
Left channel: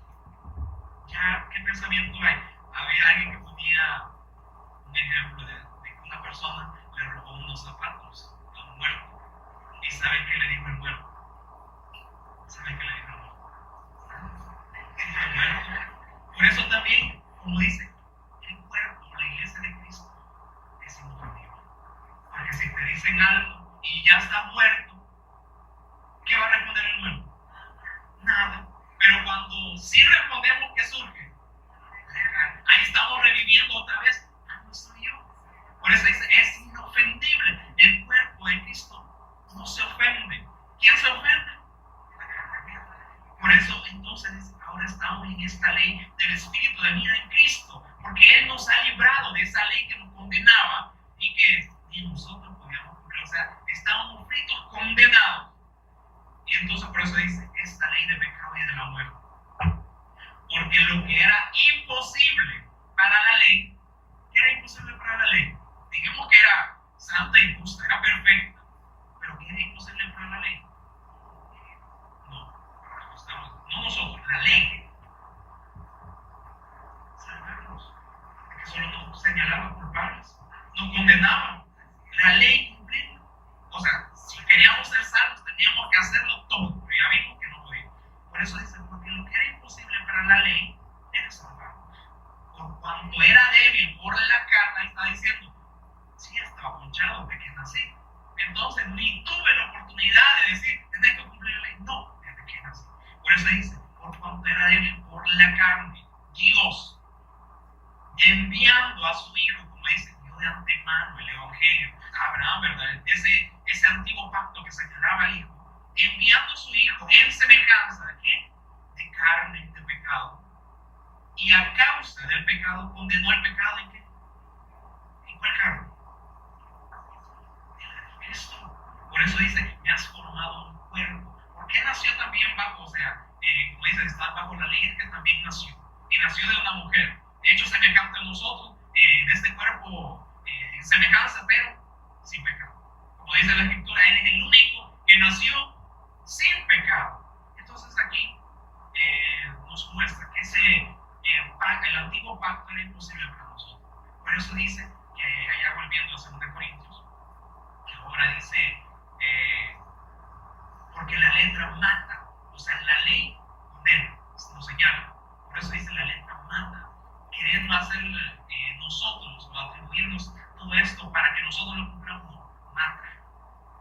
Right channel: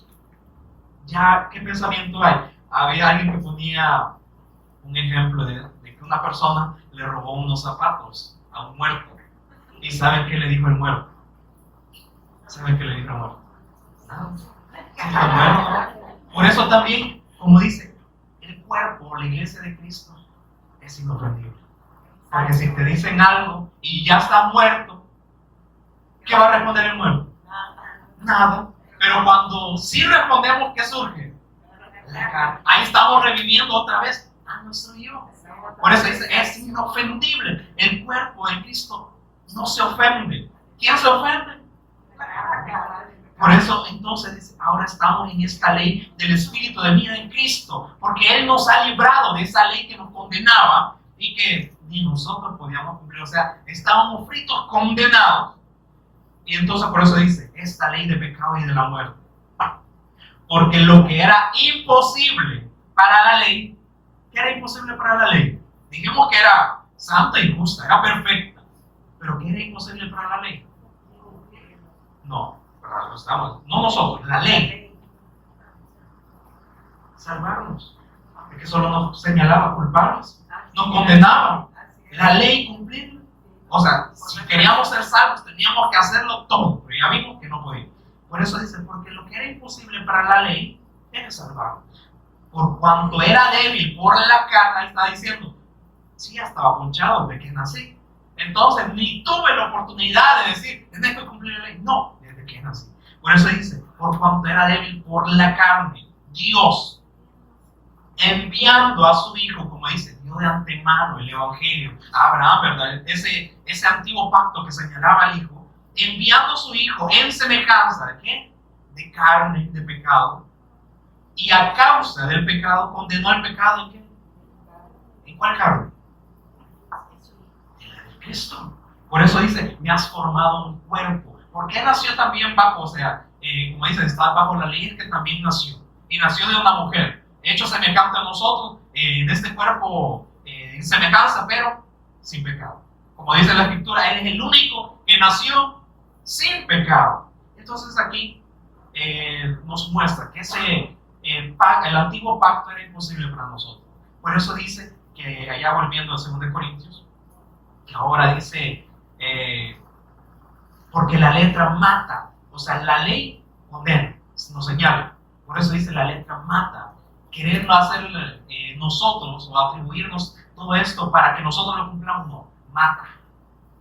ya, ¿qué pensamiento hay? Había alguien que ponía un ejemplo de que una persona le robó unos zapatos a un muerto. ¿Y saben qué le dijo el muerto? ¿Saben qué le dijo el muerto? El muerto. Por eso también, como dice, el cuerpo, la iglesia de Cristo, es inofendible. Porque si te dicen algo y ya está muerto, ¿qué va a responder el muerto? Nada. Pero cuando sí respondemos, ¿qué surge? La carne. Ahí estamos reviviendo otra vez. No soy yo. Por eso dice, es inofendible. El cuerpo de Cristo no se ofende. ¿Quién se ofende? La carne. Por eso entonces dice, ahora estamos en esta ley del Espíritu de vida en Cristo, porque Él nos ha librado de esa ley que nos condenaba y que ni nosotros podíamos cumplir. O sea, estábamos fritos, condenados. Y entonces por eso dice, esta ley de pecado y de la muerte. Porque lo que era imposible para la ley, ¿qué era imposible para la ley? Dijimos que era santa y justa, era perfecta. ¿Pero qué era imposible para la ley? No, no nosotros, la ley. Salvarnos. Es que solo nos señalaba culpables, nos condenaba. La ley cumplirla. O sea, si queríamos ser salvos, teníamos que hacerlo todo, pero ya vimos que no podíamos. Por eso dice, porque lo que era imposible para la ley era salvarnos. Por cuanto era débil por la carne, está diciendo, sí, ya estaba ponchado desde que nací. Entonces, ni tuve la oportunidad de decir, tenés que cumplir la ley. No, desde que nací. Por eso dice, por cuanto era débil por la carne, Dios, enviando a su Hijo, como dice, dio de antemano el Evangelio a Abraham, ¿verdad? Ese antiguo pacto que señalaba al Hijo, enviando a su Hijo en semejanza ¿de qué? De carne, de pecado. Y a causa del pecado, condenó el pecado ¿en qué? ¿En cuál carne? En la de Cristo. Por eso dice, me has formado un cuerpo. ¿Por qué nació también bajo, o sea, como dice, está bajo la ley que también nació? Y nació de una mujer, hecho semejante a nosotros, de este cuerpo en semejanza, pero sin pecado. Como dice la Escritura, Él es el único que nació sin pecado. Entonces aquí nos muestra que el antiguo pacto era imposible para nosotros. Por eso dice que allá volviendo a 2 Corintios, que ahora dice, porque la letra mata, o sea, la ley condena, nos señala. Por eso dice la letra mata. querer hacer nosotros o atribuirnos todo esto para que nosotros lo cumplamos, no, mata.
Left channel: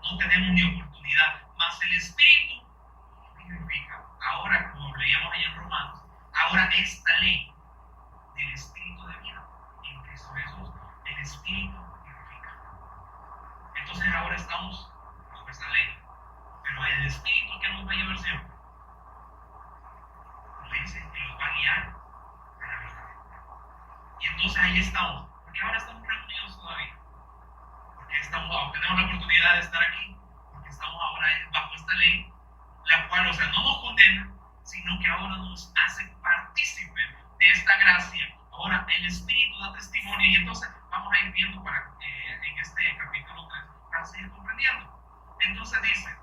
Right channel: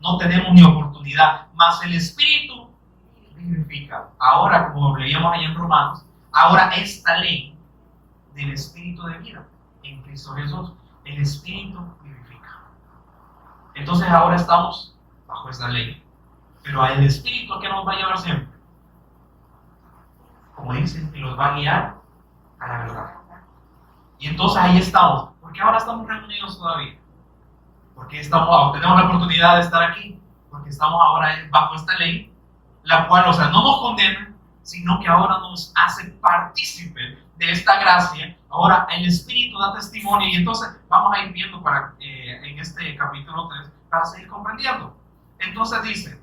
No tenemos ni oportunidad, más el Espíritu vivifica. Ahora, como leíamos ahí en Romanos, ahora esta ley del Espíritu de vida en Cristo Jesús, el Espíritu vivifica. Entonces ahora estamos bajo esta ley, pero el Espíritu que nos va a llevar siempre, como dice, que los va a guiar a la verdad. Y entonces ahí estamos, porque ahora estamos reunidos todavía, porque tenemos la oportunidad de estar aquí, porque estamos ahora bajo esta ley, la cual, o sea, no nos condena, sino que ahora nos hace partícipe de esta gracia. Ahora el Espíritu da testimonio, y entonces vamos a ir viendo en este capítulo 3 para seguir comprendiendo. Entonces dice,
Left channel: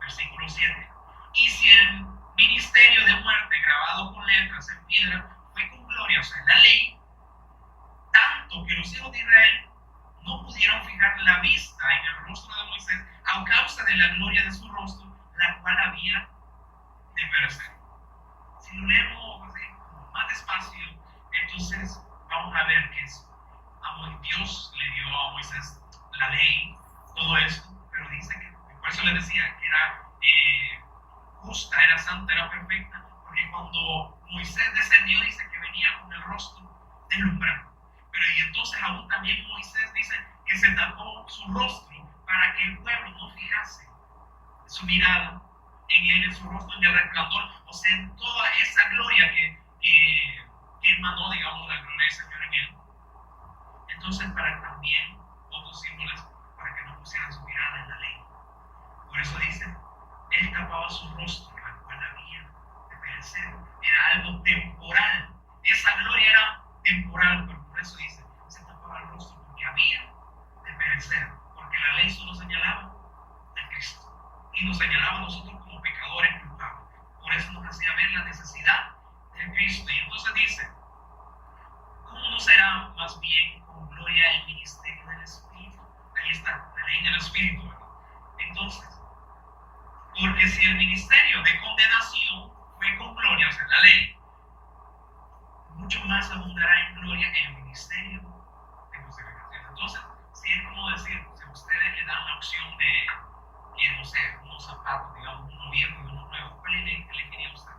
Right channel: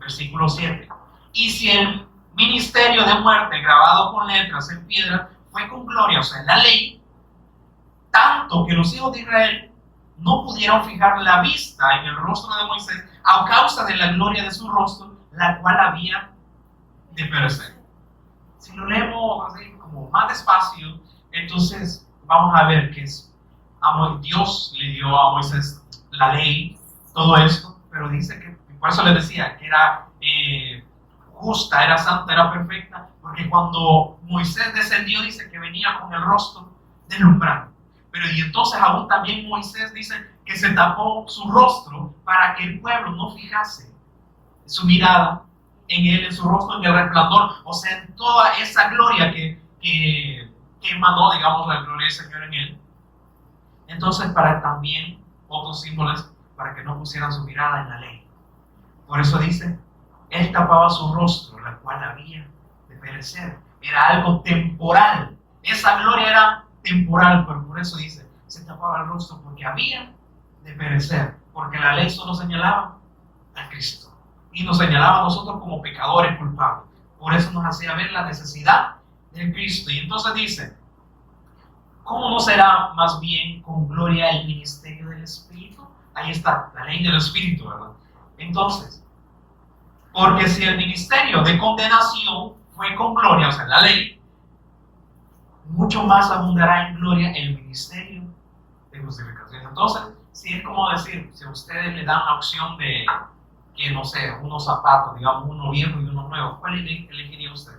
versículo 7, y si el ministerio de muerte grabado con letras en piedra fue con gloria, o sea, la ley, tanto que los hijos de Israel no pudieron fijar la vista en el rostro de Moisés a causa de la gloria de su rostro, la cual había de perecer. Si lo leemos así como más despacio, entonces vamos a ver que Dios le dio a Moisés la ley, todo esto, pero dice que, por eso le decía que era justa, era santa, era perfecta, porque cuando Moisés descendió dice que venía con el rostro deslumbrante. Pero y entonces aún también Moisés dice que se tapó su rostro para que el pueblo no fijase su mirada en él, en su rostro, en el resplandor, o sea, en toda esa gloria que emanó, digamos, la gloria del Señor en él. Entonces, para también otros símbolos, para que no pusieran su mirada en la ley. Por eso dice, él tapaba su rostro, la cual había de perecer. Era algo temporal. Esa gloria era temporal, pero por eso dice, se tapaba el rostro porque había de perecer, porque la ley solo señalaba a Cristo y nos señalaba a nosotros como pecadores culpables. Por eso nos hacía ver la necesidad de Cristo. Y entonces dice, ¿cómo no será más bien con gloria el ministerio del Espíritu? Ahí está, la ley del Espíritu, ¿verdad? Entonces, porque si el ministerio de condenación fue con gloria, o sea, la ley, mucho más abundará en gloria el ministerio de justificación. Entonces, si es como decir, si ustedes le dan la opción de, que no sé, unos zapatos, digamos, uno viejo y uno nuevo, ¿cuál elegiría usted?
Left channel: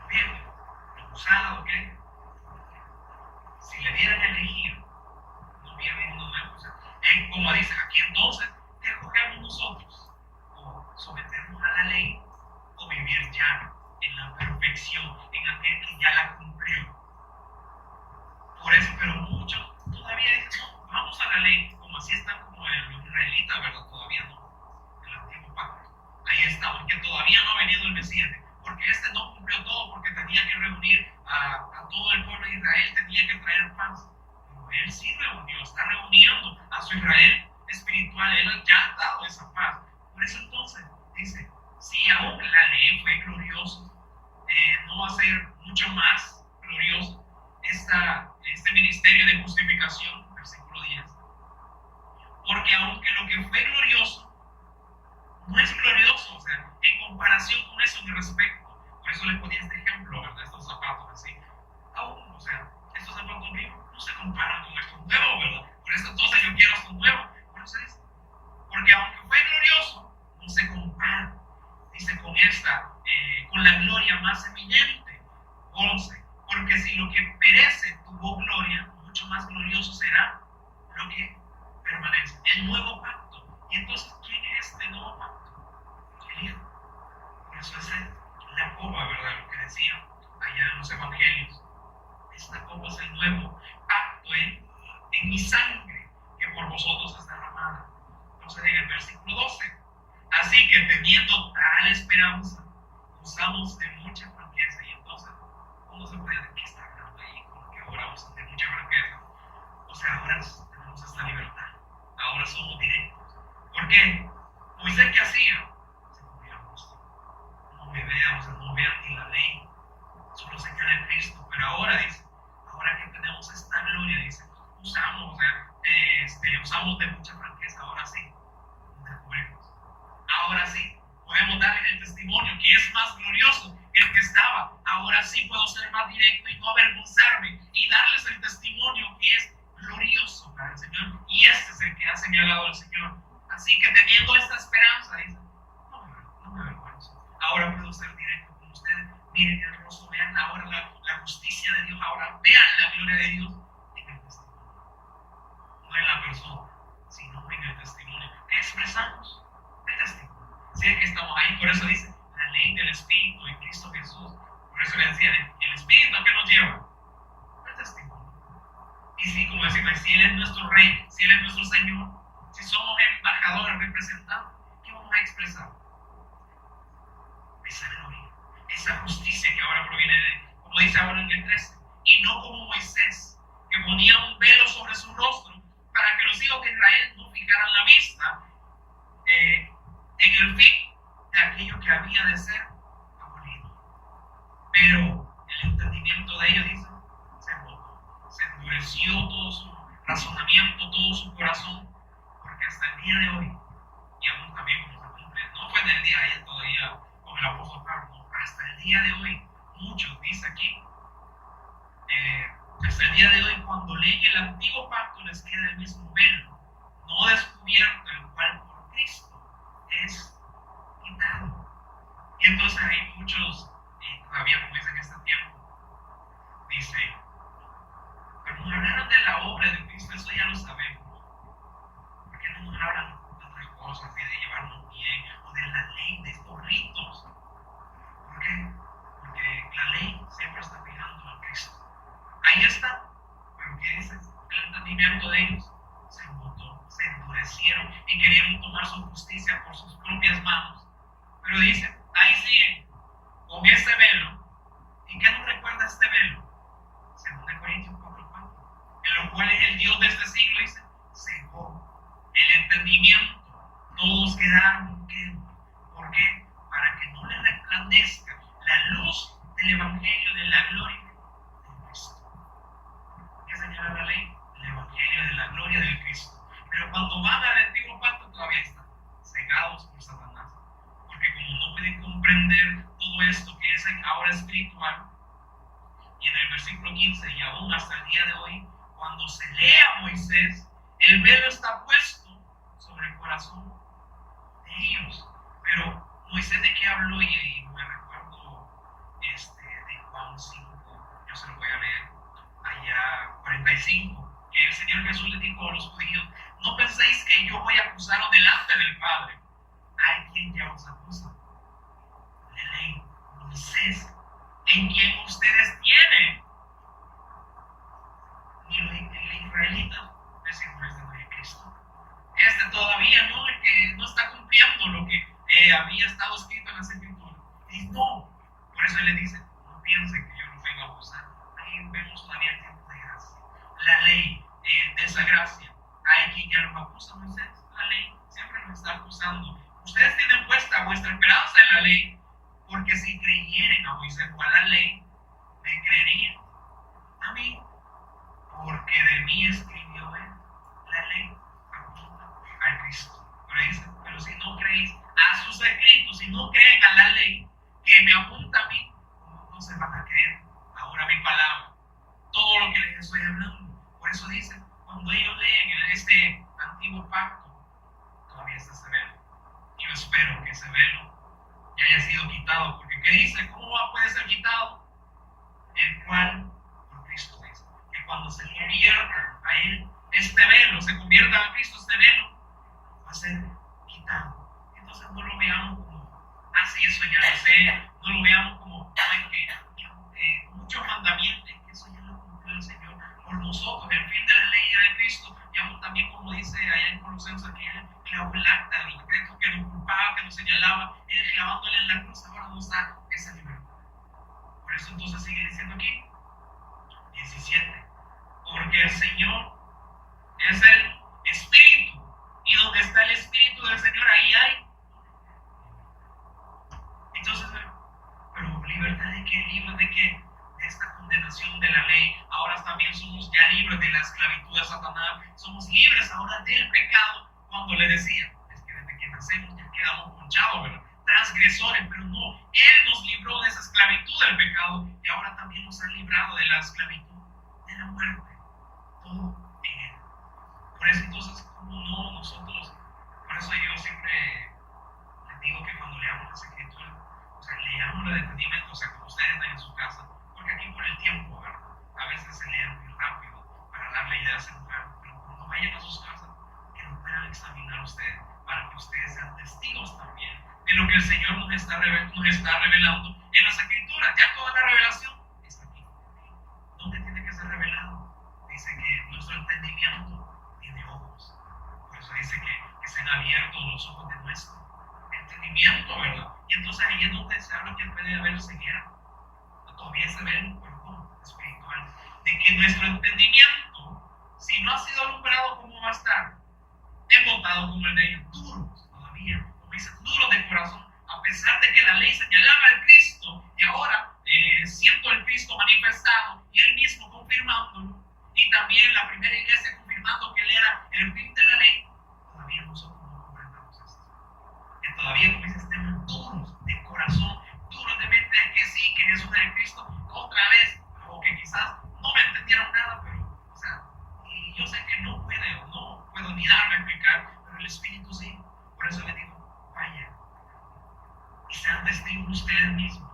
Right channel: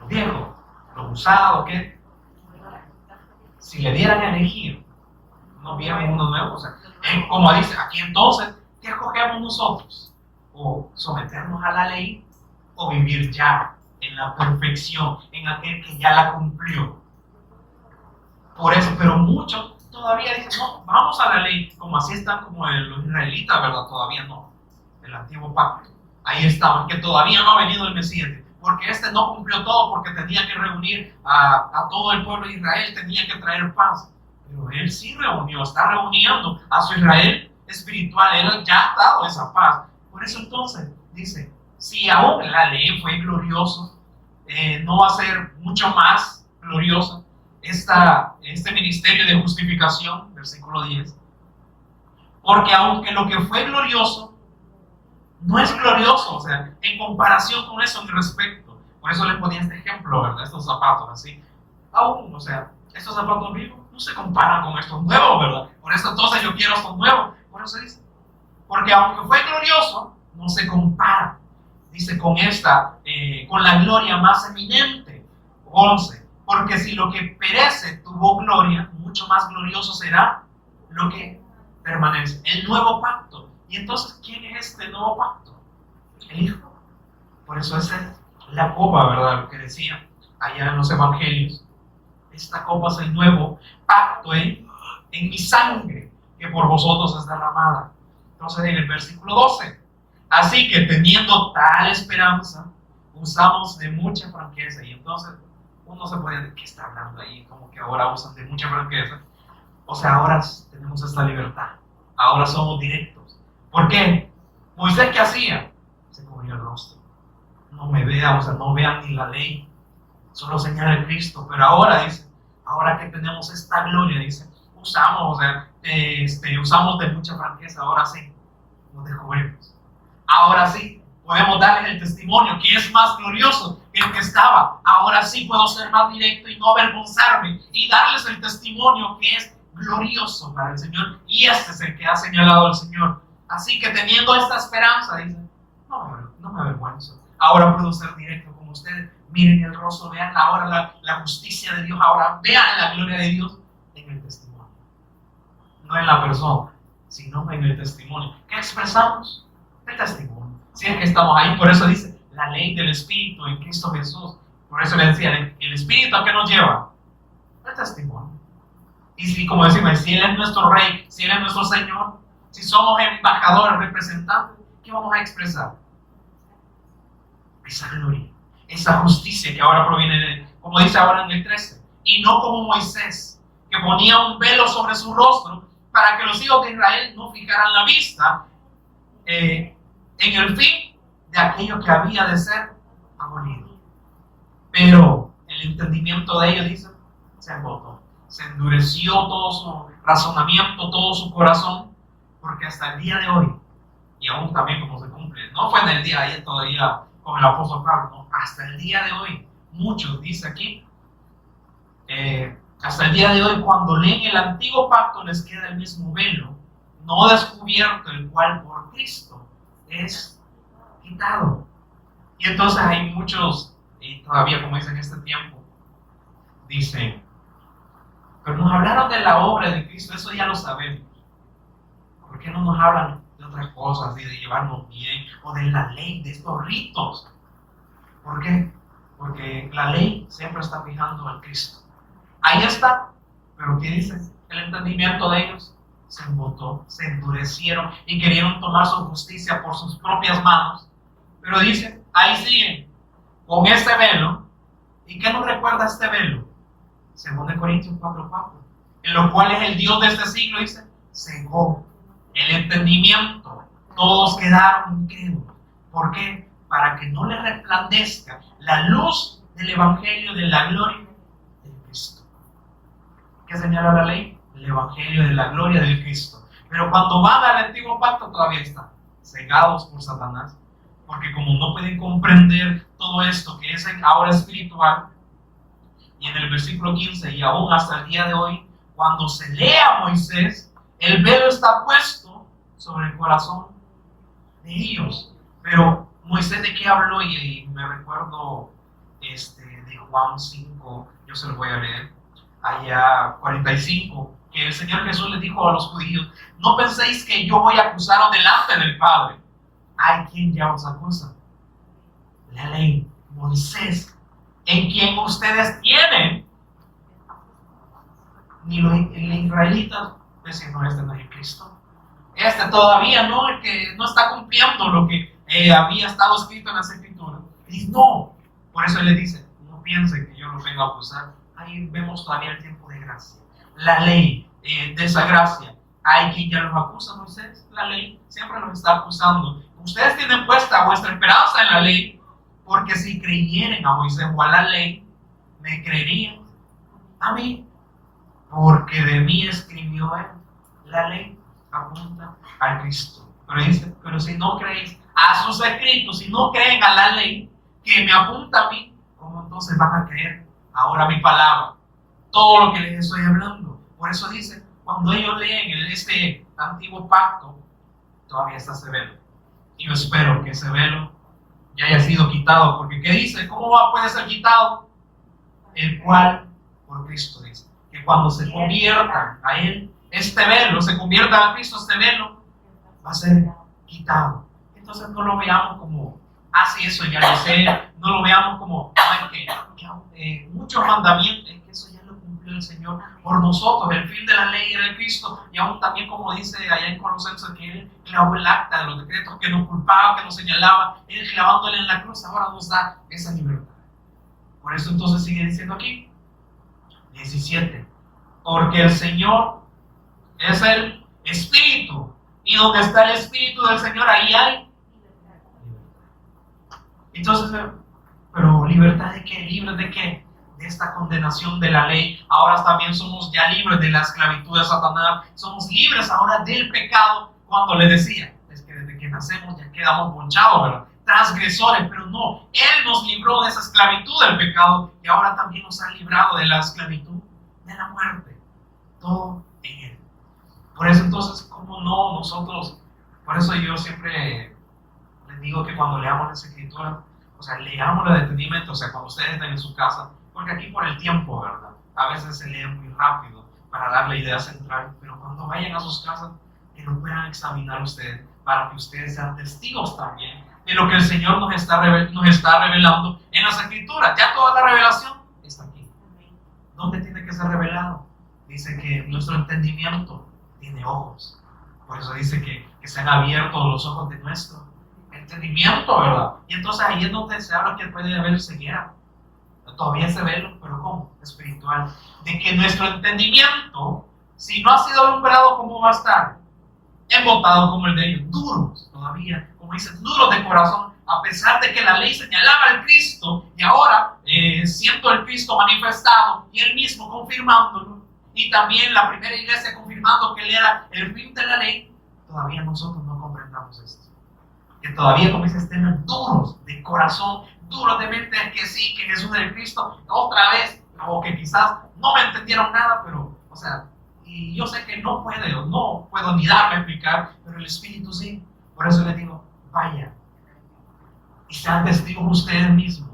Los viejos, los usados, ¿qué? Si le dieran a elegir uno viejo y uno nuevo, o sea, como dice aquí entonces, ¿qué escogemos nosotros? O someternos a la ley o vivir ya en la perfección, en aquel que ya la cumplió. Por eso, pero muchos todavía dicen, no, vamos a la ley, como así están como los israelitas, ¿verdad? Todavía no, el antiguo pacto. Ahí estamos, que todavía no ha venido el Mesías, porque este no cumplió todo, porque tenía que reunir a todo el pueblo de Israel, tenía que traer paz. Pero él sí reunió, está reuniendo a su Israel espiritual, él ya ha dado esa paz. Por eso entonces dice, si aún la ley fue gloriosa, no va a ser mucho más gloriosa este ministerio de justificación, versículo 10. Porque aunque lo que fue glorioso no es glorioso, o sea, en comparación con eso ni respecto. Por eso le ponía este ejemplo, ¿verdad? Estos zapatos así. Aún, o sea, estos zapatos viejos no se comparan con estos nuevos, ¿verdad? Por eso entonces yo quiero estos nuevos. Por eso dice, porque aunque fue glorioso, no se compara. Dice con con la gloria más eminente. 11. Porque si lo que perece tuvo gloria, mucho más glorioso será lo que permanece. El nuevo pacto. Y entonces, ¿quién es este nuevo pacto? El Hijo. Por eso esa es la copa, ¿verdad? Lo que decía allá en los evangelios. Esta copa es el nuevo pacto en mi sangre, que por vosotros es derramada. Entonces, en el versículo 12. Así que teniendo tal esperanza, usamos de mucha franqueza. Y entonces uno se puede decir, ¿qué está hablando ahí? Como que ahora usan de mucha franqueza. O sea, ahora tenemos esta libertad. Ahora somos directos. ¿Por qué? Moisés, ¿qué hacía? Se cubría el rostro. No me vean, o sea, no vean ni la ley. Solo señala el Cristo. Pero ahora dice, ahora que tenemos esta gloria, dice, usamos de mucha franqueza. Ahora sí, nos descubrimos. Ahora sí, Podemos darles el testimonio que es más glorioso que el que estaba. Ahora sí puedo ser más directo y no avergonzarme y darles el testimonio que es glorioso para el Señor. Y este es el que ha señalado el Señor. Así que teniendo esta esperanza, dice, no me avergüenzo. Ahora puedo ser directo con ustedes. Miren el rostro, vean ahora la justicia de Dios. Ahora vean la gloria de Dios en el testimonio. No en la persona, sino en el testimonio. ¿Qué expresamos? El testimonio. Si es que estamos ahí, por eso dice la ley del Espíritu en Cristo Jesús. Por eso le decía, el Espíritu ¿a qué nos lleva? El testimonio. Y si, como decimos, si Él es nuestro Rey, si Él es nuestro Señor, si somos embajadores, representantes, ¿qué vamos a expresar? Esa gloria, esa justicia que ahora proviene de, como dice ahora en el 13, y no como Moisés, que ponía un velo sobre su rostro para que los hijos de Israel no fijaran la vista en el fin de aquello que había de ser abolido. Pero el entendimiento de ellos, dice, se agotó, se endureció todo su razonamiento, todo su corazón, porque hasta el día de hoy, y aún también como se cumple, no fue en el día de ayer todavía con el apóstol Pablo, no, hasta el día de hoy, muchos, dice aquí, hasta el día de hoy, cuando leen el antiguo pacto, les queda el mismo velo, no descubierto, el cual por Cristo es quitado. Y entonces hay muchos, y todavía como dicen en este tiempo, dicen, pero nos hablaron de la obra de Cristo, eso ya lo sabemos. ¿Por qué no nos hablan de otras cosas y de llevarnos bien, o de la ley, de estos ritos? ¿Por qué? Porque la ley siempre está fijando al Cristo. Ahí está, pero ¿qué dice? El entendimiento de ellos se embotó, se endurecieron y querían tomar su justicia por sus propias manos. Pero dice, ahí siguen, con este velo. ¿Y qué nos recuerda este velo? 2 Corintios 4:4, en lo cual es el Dios de este siglo, dice, cegó el entendimiento, todos quedaron incrédulos. ¿Por qué? Para que no le resplandezca la luz del Evangelio de la gloria de Cristo. ¿Qué señala la ley? El Evangelio de la gloria de Cristo. Pero cuando van al antiguo pacto todavía están cegados por Satanás, porque como no pueden comprender todo esto que es ahora espiritual, y en el versículo 15 y aún hasta el día de hoy, cuando se lee a Moisés, el velo está puesto sobre el corazón de ellos. Pero Moisés, ¿de qué habló? Y me recuerdo de Juan 5, yo se lo voy a leer, allá 45, que el Señor Jesús les dijo a los judíos, no penséis que yo voy a acusaros delante del Padre. Hay quien ya os acusa, la ley, Moisés, en quien ustedes tienen. Ni los israelitas dicen, no, este no es el Cristo. Este todavía no, el que no está cumpliendo lo que había estado escrito en las Escrituras. Y no, por eso él le dice, no piensen que yo los vengo a acusar. Ahí vemos todavía el tiempo de gracia. La ley de esa gracia. Hay quien ya los acusa, Moisés. La ley siempre los está acusando. Ustedes tienen puesta vuestra esperanza en la ley, porque si creyeren a Moisés o a la ley, me creerían a mí, porque de mí escribió él. La ley apunta al Cristo. Pero dice, pero si no creéis a sus escritos, si no creen a la ley que me apunta a mí, ¿cómo entonces van a creer ahora mi palabra? Todo lo que les estoy hablando. Por eso dice, cuando ellos leen este antiguo pacto, todavía está ese velo. Y yo espero que ese velo ya haya sido quitado, porque ¿qué dice? ¿Cómo puede ser quitado? El cual, por Cristo dice, que cuando se conviertan a Él, este velo, se convierta a Cristo, este velo, va a ser quitado. Entonces no lo veamos como, sí, eso ya lo sé, no lo veamos como, muchos mandamientos, que eso ya lo cumplió el Señor por nosotros, el fin de la ley de Cristo, y aún también como dice allá en Colosenses, que Él clavó el acta de los decretos que nos culpaba, que nos señalaba, Él clavándole en la cruz, ahora nos da esa libertad. Por eso entonces sigue diciendo aquí, 17, porque el Señor es el Espíritu, y donde está el Espíritu del Señor, ahí hay libertad. Entonces, pero libertad de qué? ¿Libres de qué? De esta condenación de la ley. Ahora también somos ya libres de la esclavitud de Satanás, somos libres ahora del pecado. Cuando le decía, es que desde que nacemos ya quedamos ponchados, ¿verdad? transgresores, pero no, Él nos libró de esa esclavitud del pecado y ahora también nos ha librado de la esclavitud de la muerte. Todo en Él. Por eso entonces, ¿cómo no nosotros? Por eso yo siempre les digo que cuando leamos las escrituras, o sea, leámosla detenidamente, o sea, cuando ustedes estén en su casa, porque aquí por el tiempo, ¿verdad? A veces se leen muy rápido para dar la idea central, pero cuando vayan a sus casas, que lo puedan examinar ustedes, para que ustedes sean testigos también de lo que el Señor nos está revelando en las escrituras. Ya toda la revelación está aquí. ¿Dónde tiene que ser revelado? Dice que nuestro entendimiento tiene ojos. Por eso dice que sean abiertos los ojos de nuestro entendimiento, ¿verdad? Y entonces ahí es donde se habla que puede haber ceguera. Todavía se ve, pero ¿cómo? Espiritual. De que nuestro entendimiento, si no ha sido alumbrado, ¿cómo va a estar? Embotado como el de ellos, duros todavía, como dicen, duros de corazón, a pesar de que la ley señalaba al Cristo, y ahora siendo el Cristo manifestado, y Él mismo confirmándolo, y también la primera iglesia confirmando que Él era el fin de la ley, todavía nosotros no comprendamos esto. Que todavía, como dice, estén duros de corazón, duros de mente, que sí, que Jesús es el Cristo, otra vez, o que quizás no me entendieron nada, pero, o sea, y yo sé que no puedo ni darme a explicar, pero el Espíritu sí. Por eso les digo, vaya y sean testigos ustedes mismos.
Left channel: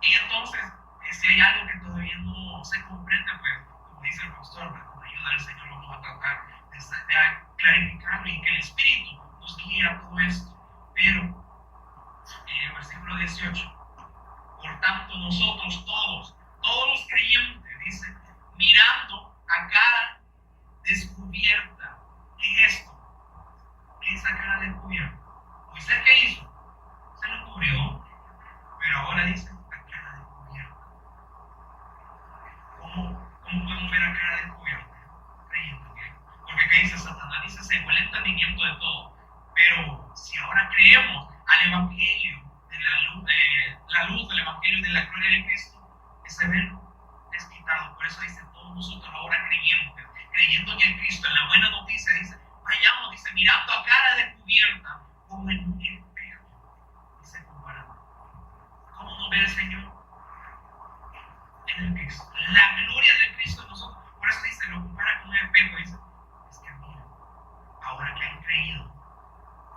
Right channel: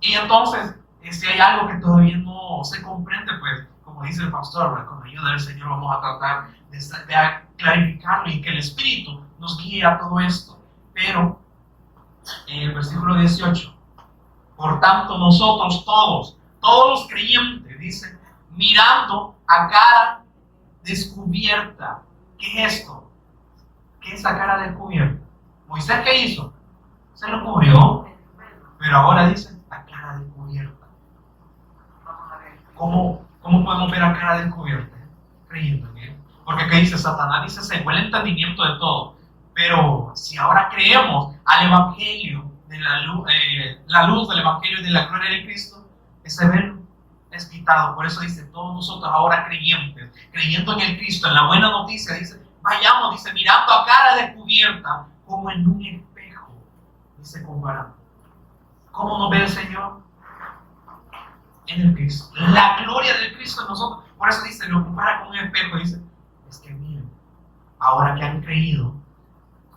Y entonces, si hay algo que todavía no se comprende, pues, como dice el pastor, ¿verdad? Con la ayuda del Señor vamos a tratar de clarificarlo y que el Espíritu nos guíe a todo esto. Pero, el versículo 18, por tanto nosotros todos los creyentes, dice, mirando a cara descubierta. ¿Qué es esto? ¿Qué es la cara descubierta? Moisés, ¿qué hizo? Se lo cubrió, pero ahora dice a cara descubierta. ¿Cómo podemos ver a cara descubierta? Creyendo, ¿eh? Porque ¿qué dice Satanás? Dice, según el entendimiento de todo. Pero si ahora creemos al Evangelio de la luz del Evangelio de la gloria de Cristo, ese velo es quitado. Por eso dice, todos nosotros ahora creyentes, creyendo en el Cristo, en la buena noticia, dice, vayamos, dice, mirando a cara descubierta, como en un espejo, dice, comparando. ¿Cómo nos ve el Señor? En el Cristo. La gloria del Cristo en nosotros. Por eso dice, lo compara con un espejo, dice, es que miren, ahora que han creído,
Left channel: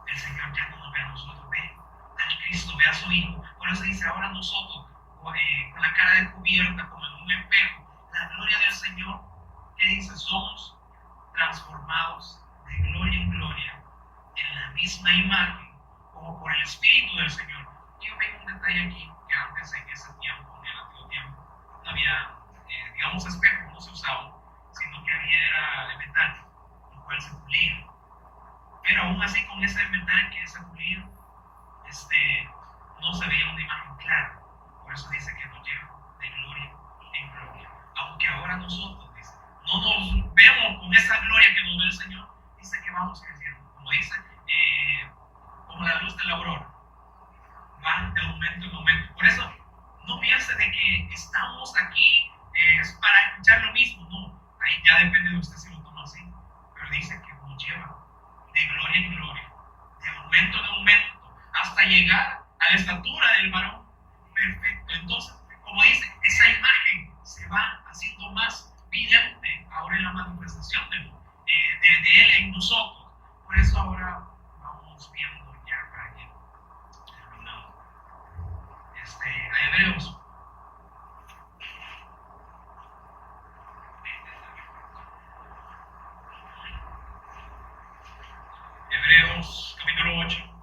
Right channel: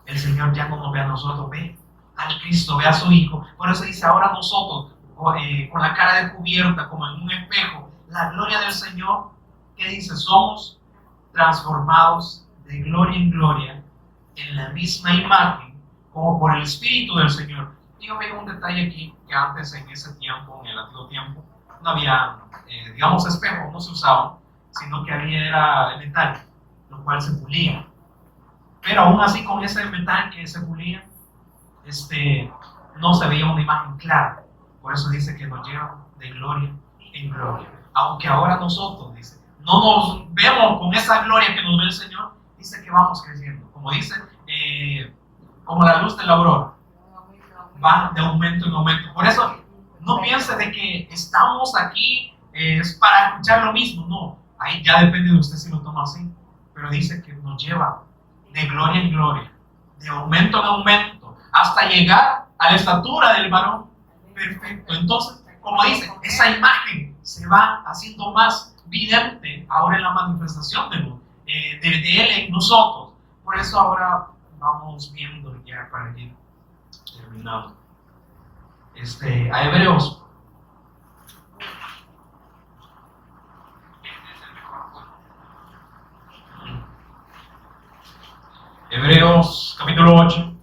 el Señor ya no nos ve a nosotros, ve al Cristo, ve a su Hijo. Por eso dice, ahora nosotros, con la cara descubierta, como en un espejo, la gloria del Señor, que dice, somos transformados de gloria en gloria en la misma imagen, como por el Espíritu del Señor. Y yo veo un detalle aquí, que antes en ese tiempo, en el antiguo tiempo, no había, digamos, espejos, no se usaban, sino que era metal, lo cual se pulía. Pero aún así, con ese metal que se pulía, no se veía una imagen clara. Por eso dice que nos lleva de gloria en gloria. Aunque ahora nosotros, dice, no nos vemos con esa gloria que nos ve el Señor, dice que vamos creciendo. Como dice, como la luz de la aurora, va de aumento en aumento. Por eso, no piense de que estamos aquí es para escuchar lo mismo. No, ahí ya depende de usted si lo toma así. Pero dice que nos lleva de gloria en gloria, de aumento en aumento, hasta llegar a la estatura del varón perfecto. Entonces, como dice, esa imagen se va haciendo más vidente ahora en la manifestación de Él en nosotros. Por eso ahora vamos viendo ya para ir terminando. A Hebreos. Hebreos capítulo 8.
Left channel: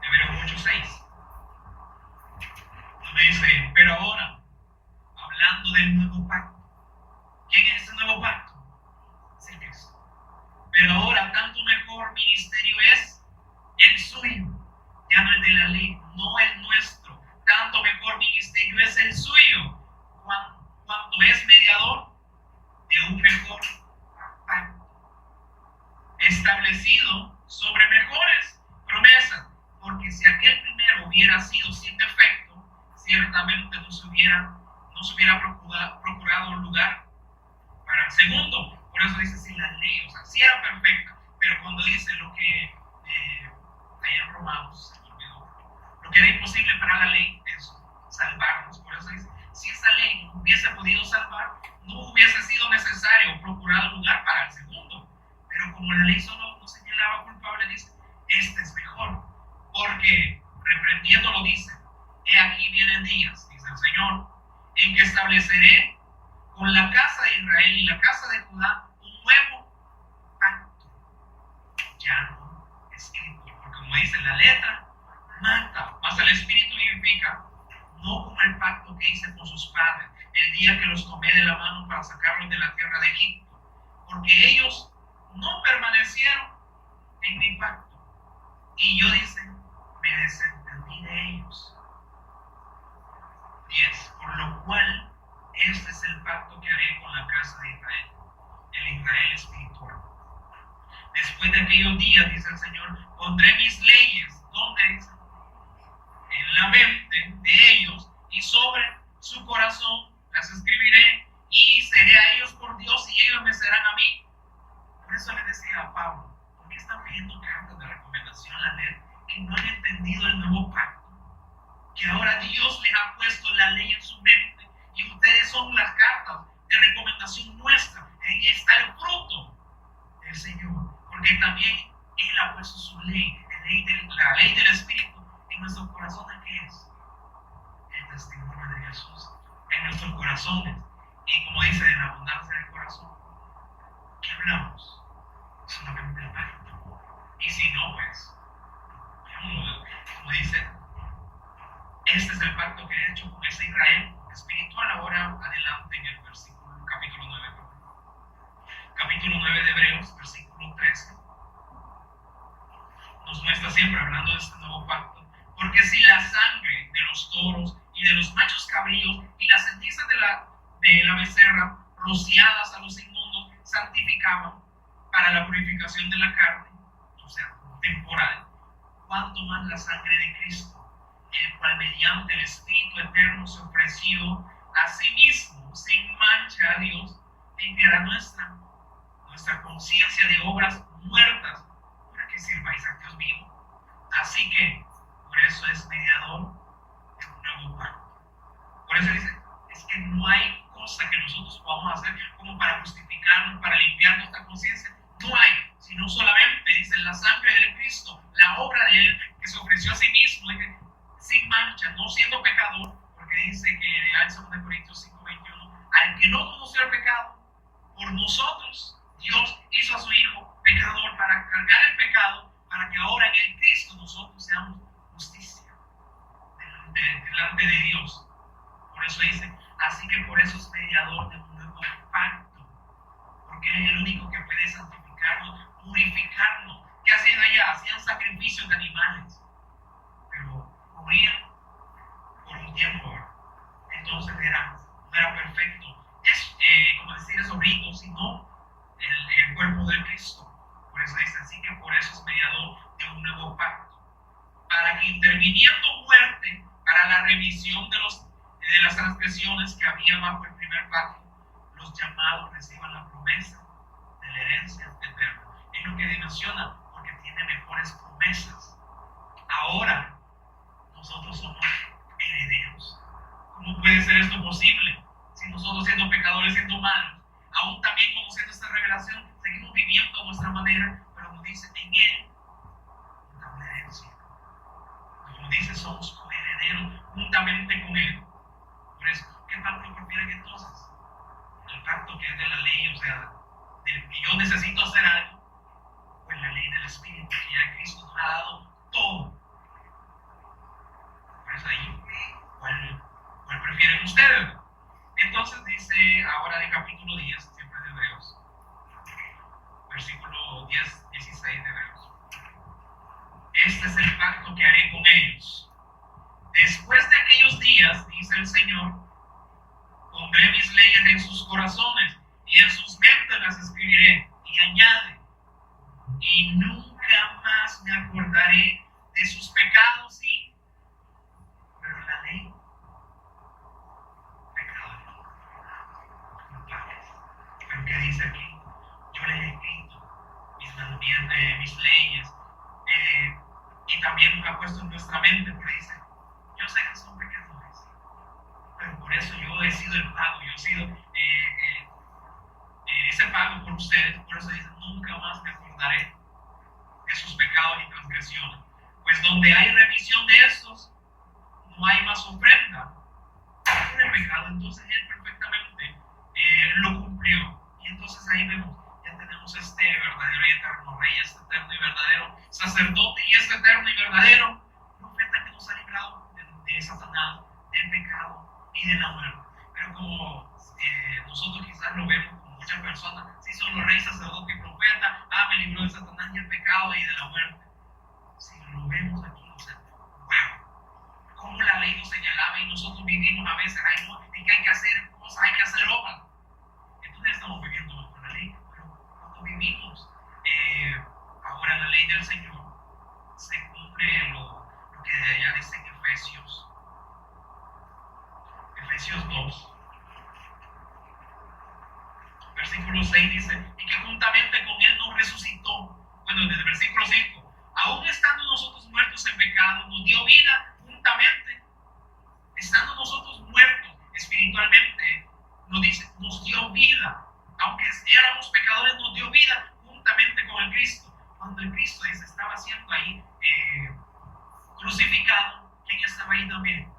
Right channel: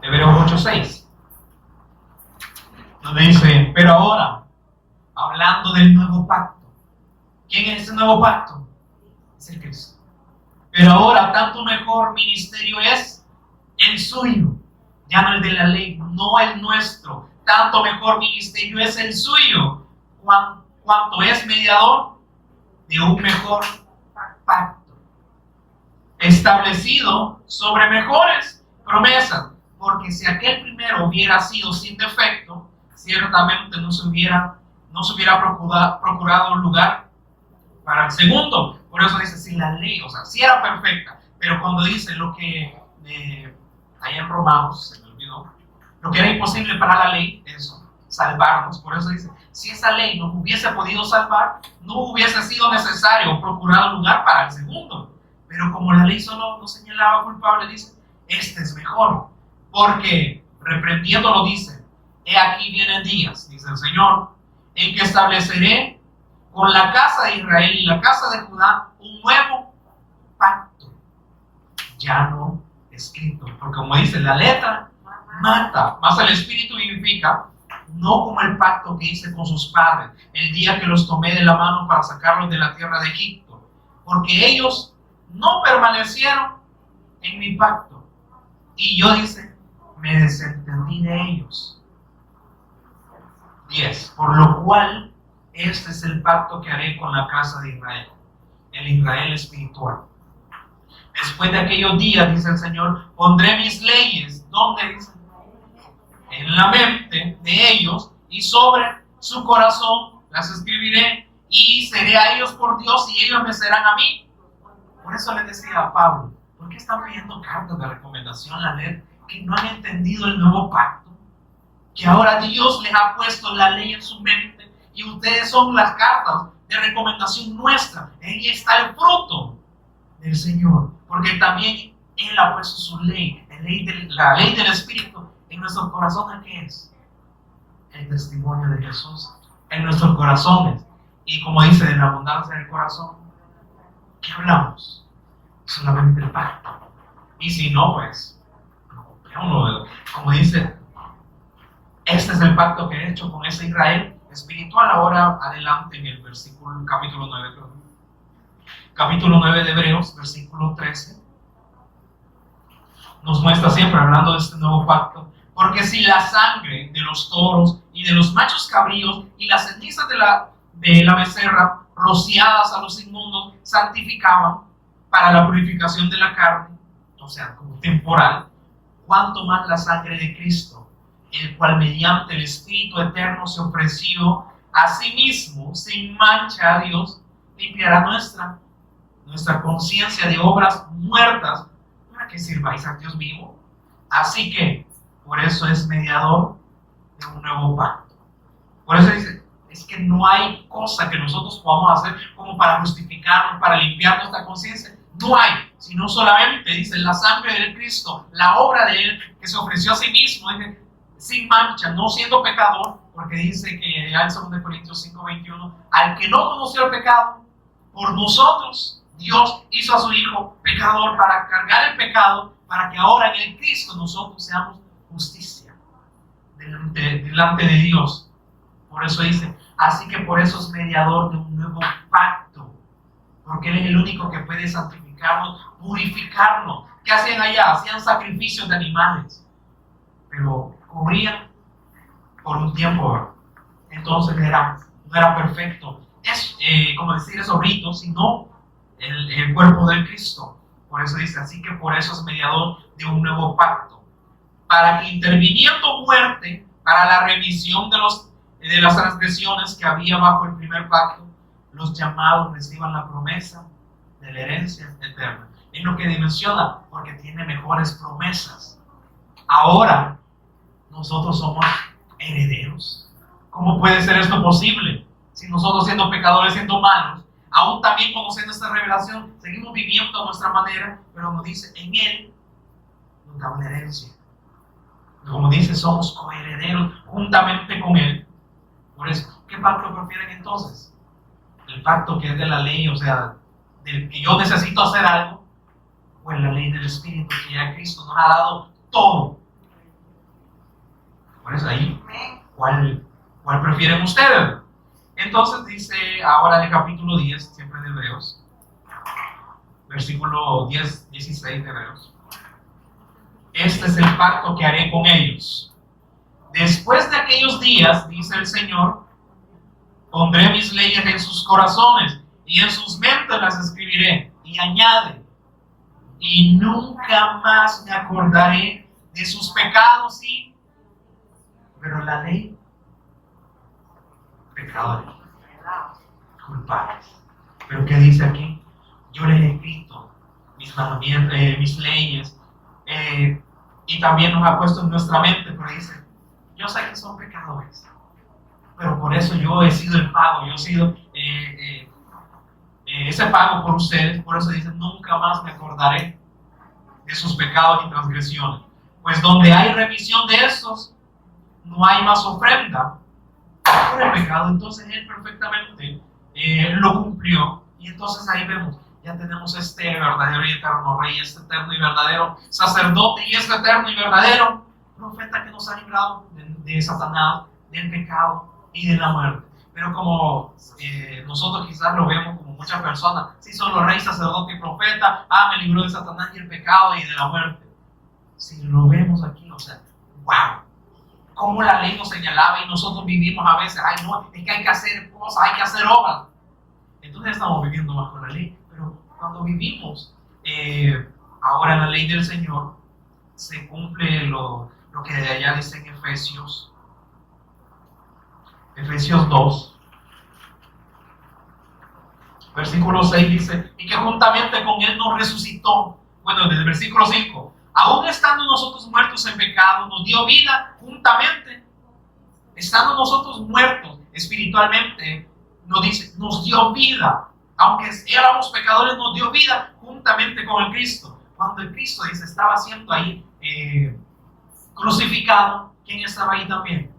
Hebreos 8:6. Donde dice, pero ahora, hablando del nuevo pacto. ¿Quién es ese nuevo pacto? Es el Cristo. Pero ahora, tanto mejor ministerio es el suyo, ya no el de la ley, no el nuestro. Tanto mejor ministerio es el suyo, cuanto es mediador de un mejor pacto, establecido sobre mejores promesas. Porque si aquel primero hubiera sido sin defecto, ciertamente no se hubiera procurado un lugar para el segundo, Por eso dice, si la ley, o sea, si era perfecta, pero cuando dice lo que, ahí en Romanos, se me olvidó, lo que era imposible para la ley es salvarnos. Por eso dice, si esa ley no hubiese podido salvar, no hubiese sido necesario procurar lugar para el segundo. Pero como la ley solo nos señalaba culpable, dice, este es mejor, porque reprendiéndolo dice, he aquí vienen días, dice el Señor, en que estableceré con la casa de Israel y la casa de Judá un nuevo pacto, ya no escrito, porque como dice la letra mata, más el espíritu vivifica, no como el pacto que hice con sus padres el día que los tomé de la mano para sacarlos de la tierra de Egipto, porque ellos no permanecieron en mi pacto y yo, dice, me desentendí de ellos. 10. Por lo cual este es el pacto que haré con la casa de Israel, el Israel espiritual. Después de aquellos días, dice el Señor, pondré mis leyes, ¿dónde dice? En la mente de ellos, y sobre su corazón las escribiré, y seré a ellos por Dios y ellos me serán a mí. Por eso les decía a Pablo, ¿por qué están pidiendo cartas de recomendación a la ley que no han entendido el nuevo pacto? Que ahora Dios les ha puesto la ley en su mente y ustedes son las cartas de recomendación nuestra. Ahí está el fruto del Señor, porque también Él ha puesto su ley, la ley del Espíritu en nuestros corazones. ¿Qué es? El testimonio de Jesús en nuestros corazones. Y como dice, de la abundancia del corazón, ¿qué hablamos? Solamente el pacto. Y si no, pues, como dice, este es el pacto que he hecho con ese Israel espiritual. Ahora adelante en el versículo, capítulo 9, capítulo 9 de Hebreos, versículo 13, nos muestra siempre hablando de este nuevo pacto. Porque si la sangre de los toros y de los machos cabríos y las cenizas de la becerra rociadas a los inmundos santificaban para la purificación de la carne, o sea, como temporal, cuánto más la sangre de Cristo, el cual mediante el Espíritu Eterno se ofreció a sí mismo sin mancha a Dios, limpiará nuestra conciencia de obras muertas para que sirváis a Dios vivo. Así que por eso es mediador de un nuevo pacto. Por eso dice, es que no hay cosa que nosotros podamos hacer como para justificarnos, para limpiar nuestra conciencia. No hay, sino solamente, dice, la sangre del Cristo, la obra de Él, que se ofreció a sí mismo, dice, sin mancha, no siendo pecador, porque dice que al 2 Corintios 5:21, al que no conoció el pecado, por nosotros Dios hizo a su Hijo pecador para cargar el pecado, para que ahora en el Cristo nosotros seamos justicia delante de Dios. Por eso dice, así que por eso es mediador de un nuevo pacto, porque Él es el único que puede santificarnos, purificarnos. ¿Qué hacían allá? Hacían sacrificios de animales, pero cubrían por un tiempo. Entonces no era perfecto. Es como decir esos ritos, sino el cuerpo del Cristo. Por eso dice, así que por eso es mediador de un nuevo pacto, para que interviniendo muerte para la remisión de las transgresiones que había bajo el primer pacto, los llamados reciban la promesa de la herencia eterna. Es lo que menciona, porque tiene mejores promesas. Ahora nosotros somos herederos. ¿Cómo puede ser esto posible? Si nosotros, siendo pecadores, siendo malos, aún también conociendo esta revelación, seguimos viviendo a nuestra manera, pero nos dice, en Él nos da una herencia. Como dice, somos coherederos juntamente con Él. Por eso, ¿qué pacto prefieren entonces? El pacto que es de la ley, o sea, del que yo necesito hacer algo, o en la ley del Espíritu, que ya Cristo nos ha dado todo. Por eso ahí, ¿cuál prefieren ustedes? Entonces dice ahora de capítulo 10, siempre de Hebreos, versículo 10, 16 de Hebreos. Este es el pacto que haré con ellos. Después de aquellos días, dice el Señor, pondré mis leyes en sus corazones y en sus mentes las escribiré. Y añade, y nunca más me acordaré de sus pecados pero la ley, pecadores, culpables. Pero ¿qué dice aquí? yo le he escrito mis mandamientos, mis leyes, y también nos ha puesto en nuestra mente, pero dice, yo sé que son pecadores, pero por eso yo he sido el pago, yo he sido ese pago por ustedes. Por eso dice, nunca más me acordaré de sus pecados y transgresiones, pues donde hay remisión de estos, no hay más ofrenda por el pecado. Entonces él perfectamente lo cumplió, y entonces ahí vemos, ya tenemos este verdadero y eterno rey, este eterno y verdadero sacerdote, y este eterno y verdadero profeta que nos ha librado de Satanás, del pecado y de la muerte. Pero como nosotros quizás lo vemos como muchas personas, sí, solo rey, sacerdote y profeta, me libró de Satanás y el pecado y de la muerte. Si lo vemos aquí, o sea, wow, como la ley nos señalaba, y nosotros vivimos a veces, ay no, es que hay que hacer cosas, hay que hacer obras. Entonces estamos viviendo bajo la ley. Pero cuando vivimos ahora en la ley del Señor, se cumple lo que de allá dice en Efesios 2, versículo 6 dice, y que juntamente con Él nos resucitó. Bueno, desde el versículo 5, aún estando nosotros muertos en pecado, nos dio vida juntamente. Estando nosotros muertos espiritualmente, nos dice, nos dio vida. Aunque éramos pecadores, nos dio vida juntamente con el Cristo. Cuando el Cristo, dice, estaba siendo ahí crucificado, ¿quién estaba ahí también?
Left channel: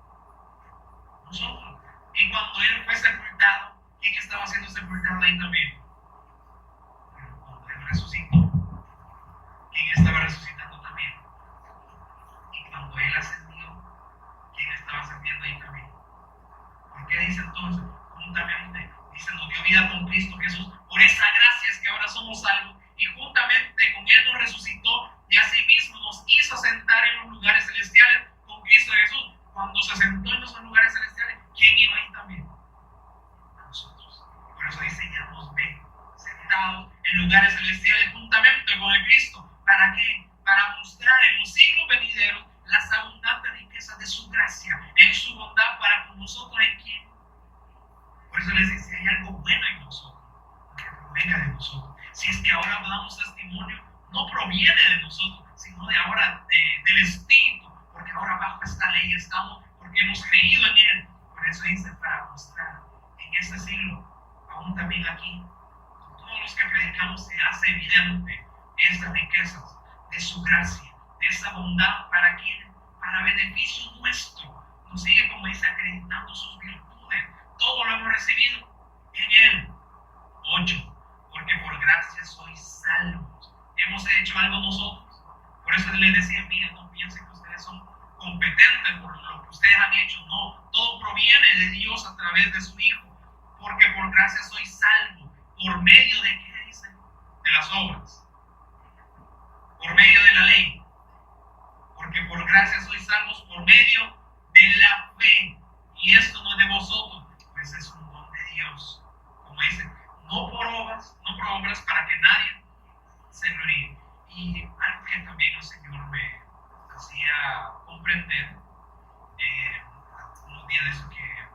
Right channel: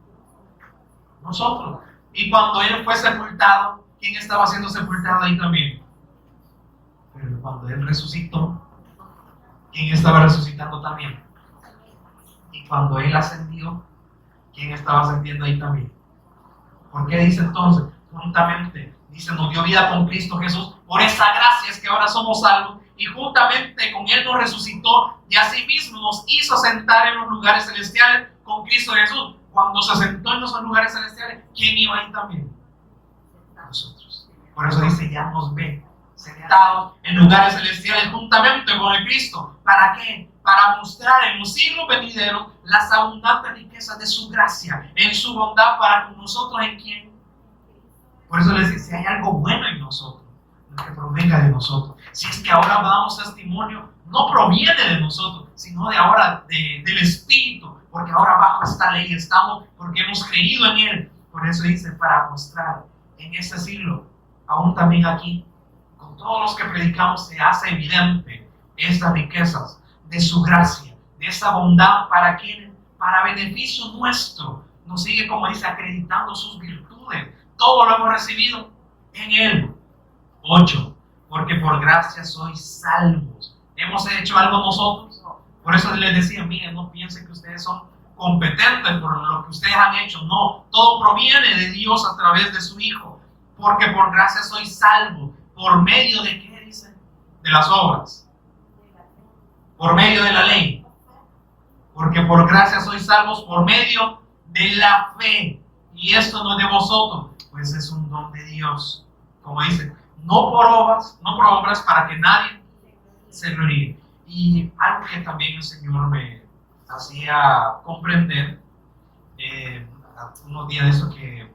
Nosotros. Y cuando Él fue sepultado, ¿quién estaba siendo sepultado ahí también? Pero cuando Él resucitó, ¿quién estaba resucitando también? Y cuando Él ascendió, ¿quién estaba ascendiendo ahí también? ¿Por qué dice entonces? Juntamente, dice, nos dio vida con Cristo Jesús. Por esa gracia es que ahora somos salvos. Y juntamente con Él nos resucitó, y asimismo nos hizo sentar en los lugares celestiales con Cristo Jesús. Cuando se sentó en esos lugares celestiales, ¿quién iba ahí también? Nosotros. Por eso dice, ya nos ve sentados en lugares celestiales juntamente con el Cristo. ¿Para qué? Para mostrar en los siglos venideros las abundantes riquezas de su gracia, en su bondad para con nosotros. ¿En quién? Por eso les dice, si hay algo bueno en nosotros, que provenga de nosotros. Si es que ahora damos testimonio, no proviene de nosotros, sino de ahora del Espíritu, porque ahora bajo esta ley estamos, porque hemos creído en Él. Por eso dice, para mostrar en este siglo, aún también aquí, con todos los que predicamos, se hace evidente estas riquezas de su gracia, de esa bondad. ¿Para quién? Para beneficio nuestro. Nos sigue, como dice, acreditando sus virtudes. Todo lo hemos recibido en Él. 8. Porque por gracia sois salvos. ¿Hemos hecho algo nosotros? Por eso les decía, miren, no piensen que ustedes son competentes por lo que ustedes han hecho. No, todo proviene de Dios a través de su Hijo. Porque por gracia sois salvos. ¿Por medio de qué dicen? De las obras. Por medio de la ley. Porque por gracia sois salvos por medio de la fe. Y esto no es de vosotros, pues es un don de Dios. Como dice, no por obras para que nadie se gloríe. Y algo que también el Señor me hacía comprender, unos días de eso que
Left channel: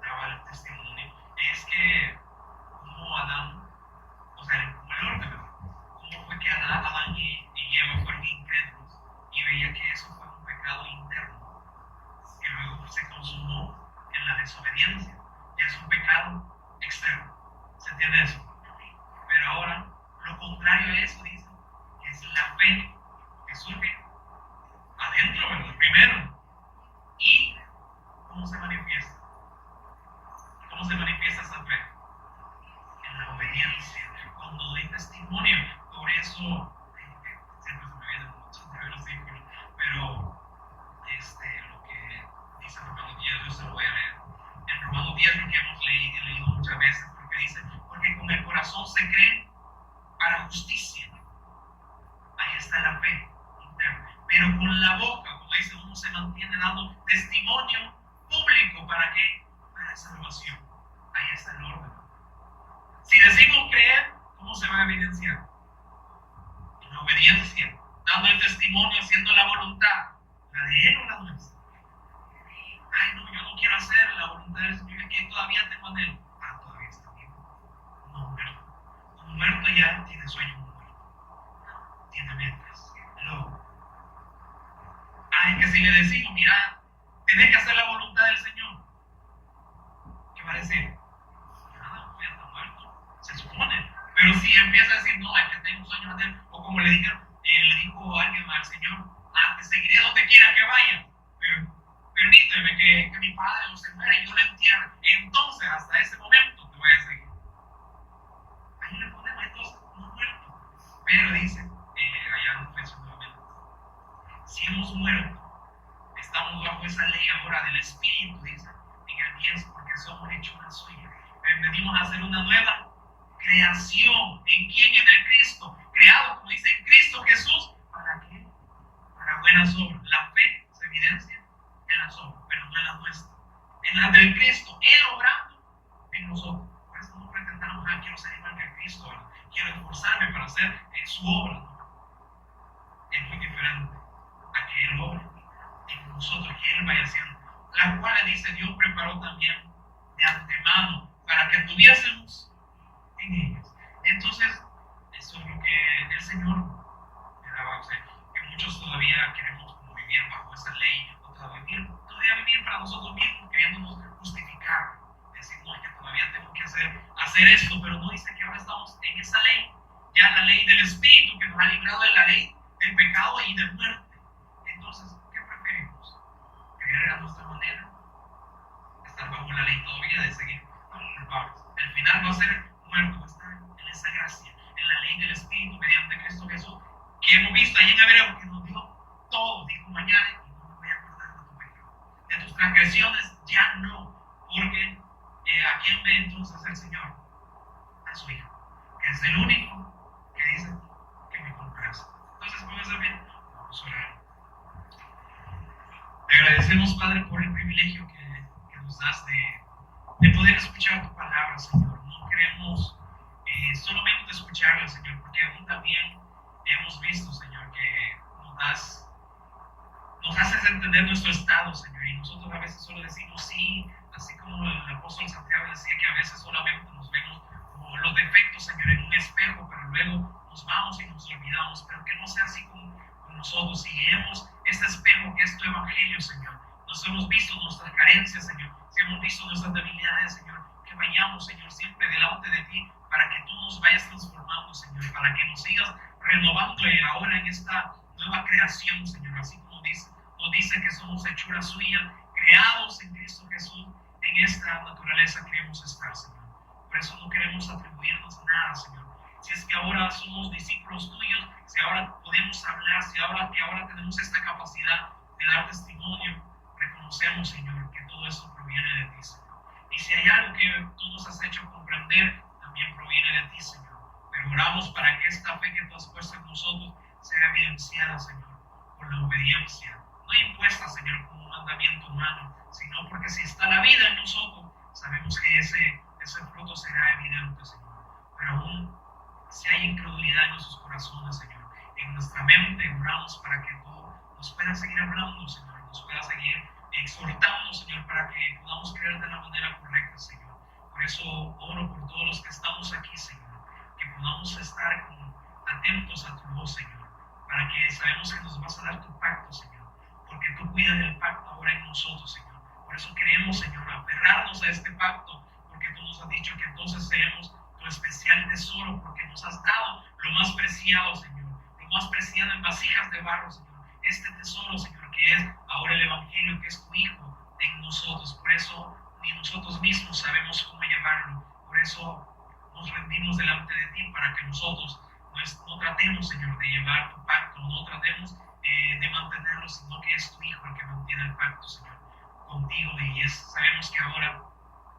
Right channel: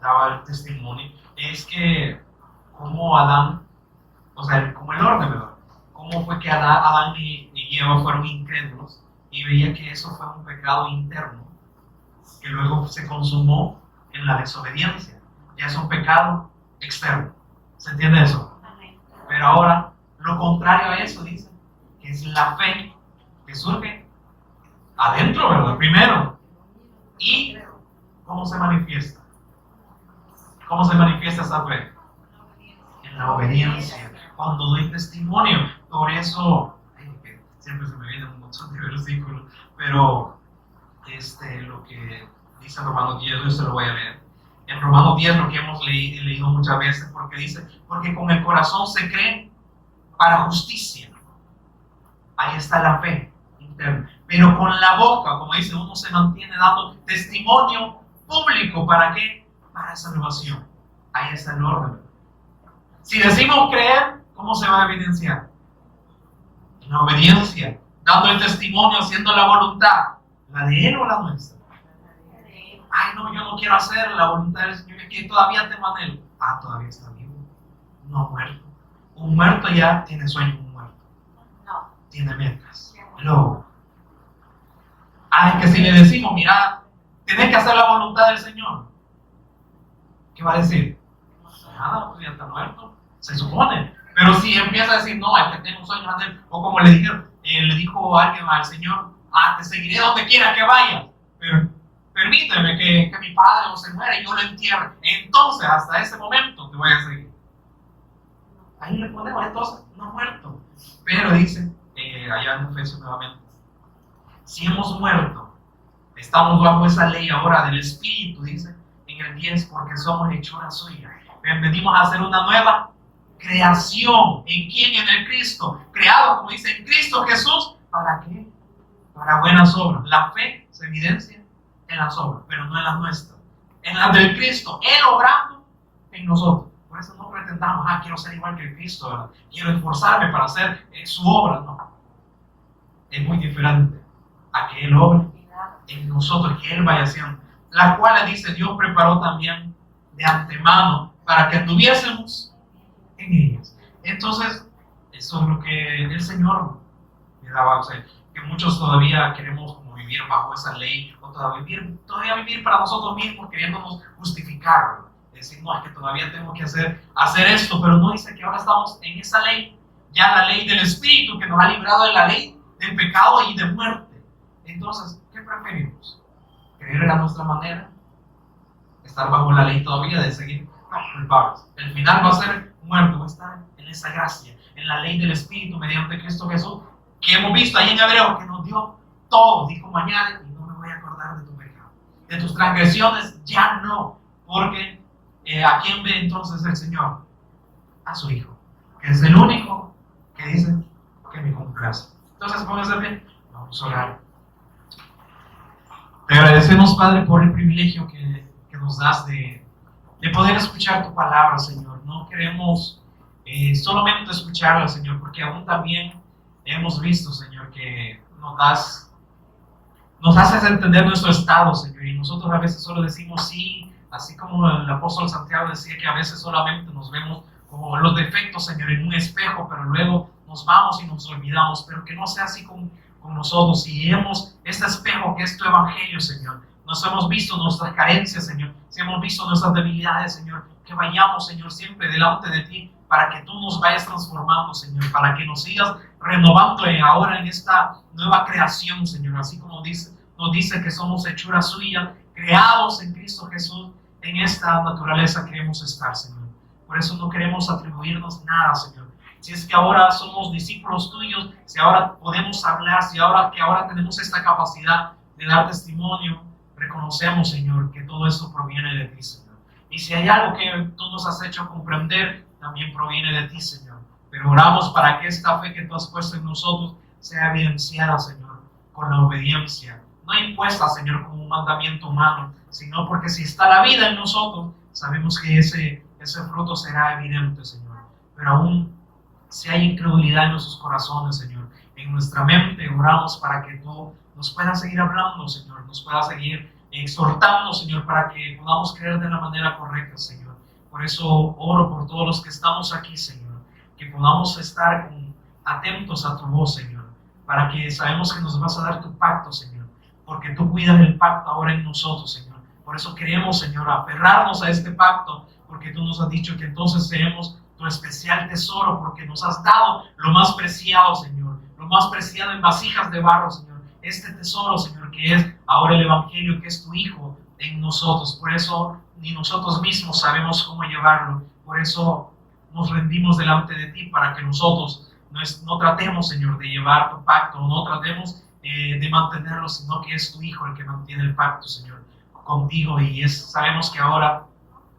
daba el testimonio, es que como Adán, o sea, como el orden, ¿verdad? Cómo fue que Adán y Eva fueron incrédulos, y veía que eso fue un pecado interno, que luego se consumó en la desobediencia. Ya es un pecado externo. ¿Se entiende eso? Pero ahora, lo contrario a eso, dice, que es la fe que surge adentro, ¿verdad? Primero. ¿Y cómo se manifiesta? ¿Cómo se manifiesta esa fe? En la obediencia. Cuando doy testimonio. Por eso, siempre se me vienen un montón de versículos, pero lo que dice Romanos 10, yo se lo voy a leer. En Romanos 10, lo que hemos leído muchas veces, porque dice, porque con el corazón se cree para justicia. Ahí está la fe interna. Pero con la boca, como dice, uno se mantiene dando testimonio público. ¿Para qué? Para salvación. Ahí está el orden. Si decimos creer, ¿cómo se va a evidenciar? En la obediencia, dando el testimonio, haciendo la voluntad. ¿La de Él o la nuestra? Ay, no, yo no quiero hacer la voluntad del Señor, es que todavía tengo anhelo. Todavía está vivo, no ha muerto. Un muerto ya tiene sueño, un muerto. Tiene metas. Luego, que si le decimos, mira, tenés que hacer la voluntad del Señor, ¿qué va a decir? Nada, pues ya está muerto, se supone. Pero si empieza a decir, no, es que tengo sueños ante él, o como le dijo alguien al Señor, te seguiré donde quiera que vayas, pero permíteme que mi padre o se muera y yo lo entierre. Entonces, hasta ese momento te voy a seguir. Ahí le ponemos, entonces, no muerto. Pero dice, allá en Efesios nuevamente, si hemos muerto, estamos bajo esa ley ahora del Espíritu, dice en el 10, porque somos hechura suya. Venimos a hacer una nueva creación. ¿En quién? En el Cristo. Creado, como dice, en Cristo Jesús. ¿Para qué? Para buenas obras. La fe se evidencia en las obras, pero no en las nuestras. En las del Cristo. Él obrando en nosotros. Por eso no pretendamos, quiero ser igual que el Cristo, ¿verdad? Quiero esforzarme para hacer su obra. No. Es muy diferente a que Él obre en nosotros, que Él vaya haciendo. La cual dice, Dios preparó también de antemano para que tuviésemos en ellas. Entonces, eso es lo que el Señor le daba. O sea, que muchos todavía queremos como vivir bajo esa ley, o todavía vivir para nosotros mismos, queriéndonos justificar. Decir, no, es que todavía tengo que hacer esto, pero no dice que ahora estamos en esa ley, ya la ley del Espíritu que nos ha librado de la ley del pecado y de muerte. Entonces, ¿qué preferimos? ¿Creer a nuestra manera? ¿Estar bajo la ley todavía de seguir culpables? El final va a ser muerto, va a estar en esa gracia, en la ley del Espíritu mediante Cristo Jesús, que hemos visto ahí en Hebreos, que nos dio todo, dijo mañana, y no me voy a acordar de tu pecado, de tus transgresiones, ya no, porque ¿a quién ve entonces el Señor? A su Hijo, que es el único que dice que me complace. Entonces, pónganse bien, vamos a orar. Te agradecemos, Padre, por el privilegio que nos das de poder escuchar tu palabra, Señor. No queremos solamente escucharla, Señor, porque aún también hemos visto, Señor, que nos haces entender nuestro estado, Señor, y nosotros a veces solo decimos sí, así como el apóstol Santiago decía que a veces solamente nos vemos como los defectos, Señor, en un espejo, pero luego nos vamos y nos olvidamos, pero que no sea así con nosotros. Si vemos este espejo que es tu evangelio, Señor, nos hemos visto nuestras carencias, Señor, si hemos visto nuestras debilidades, Señor, que vayamos, Señor, siempre delante de ti, para que tú nos vayas transformando, Señor, para que nos sigas renovando ahora en esta nueva creación, Señor, así como nos dice que somos hechura suya, creados en Cristo Jesús. En esta naturaleza queremos estar, Señor. Por eso no queremos atribuirnos nada, Señor. Si es que ahora somos discípulos tuyos, si ahora podemos hablar, si ahora tenemos esta capacidad de dar testimonio, reconocemos, Señor, que todo eso proviene de ti, Señor. Y si hay algo que tú nos has hecho comprender, también proviene de ti, Señor. Pero oramos para que esta fe que tú has puesto en nosotros sea evidenciada, Señor, con la obediencia. No impuesta, Señor, como un mandamiento humano, sino porque si está la vida en nosotros, sabemos que ese fruto será evidente, Señor. Pero aún si hay incredulidad en nuestros corazones, Señor, en nuestra mente, oramos para que tú nos puedas seguir hablando, Señor, nos puedas seguir exhortando, Señor, para que podamos creer de la manera correcta, Señor. Por eso oro por todos los que estamos aquí, Señor, que podamos estar atentos a tu voz, Señor, para que sabemos que nos vas a dar tu pacto, Señor, porque tú cuidas del pacto ahora en nosotros, Señor. Por eso queremos, Señor, aferrarnos a este pacto, porque tú nos has dicho que entonces seremos tu especial tesoro, porque nos has dado lo más preciado, Señor, lo más preciado en vasijas de barro, Señor. Este tesoro, Señor, que es ahora el Evangelio, que es tu Hijo en nosotros. Por eso ni nosotros mismos sabemos cómo llevarlo. Por eso nos rendimos delante de ti, para que nosotros no tratemos, Señor, de llevar tu pacto, no tratemos de mantenerlo, sino que es tu Hijo el que mantiene el pacto, Señor, contigo. Y sabemos que ahora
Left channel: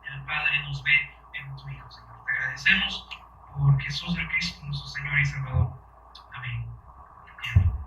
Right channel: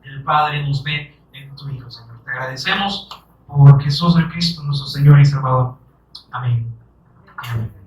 el Padre nos ve en tu Hijo, Señor. Te agradecemos por Jesús el Cristo, nuestro Señor y Salvador. Amén. Amén.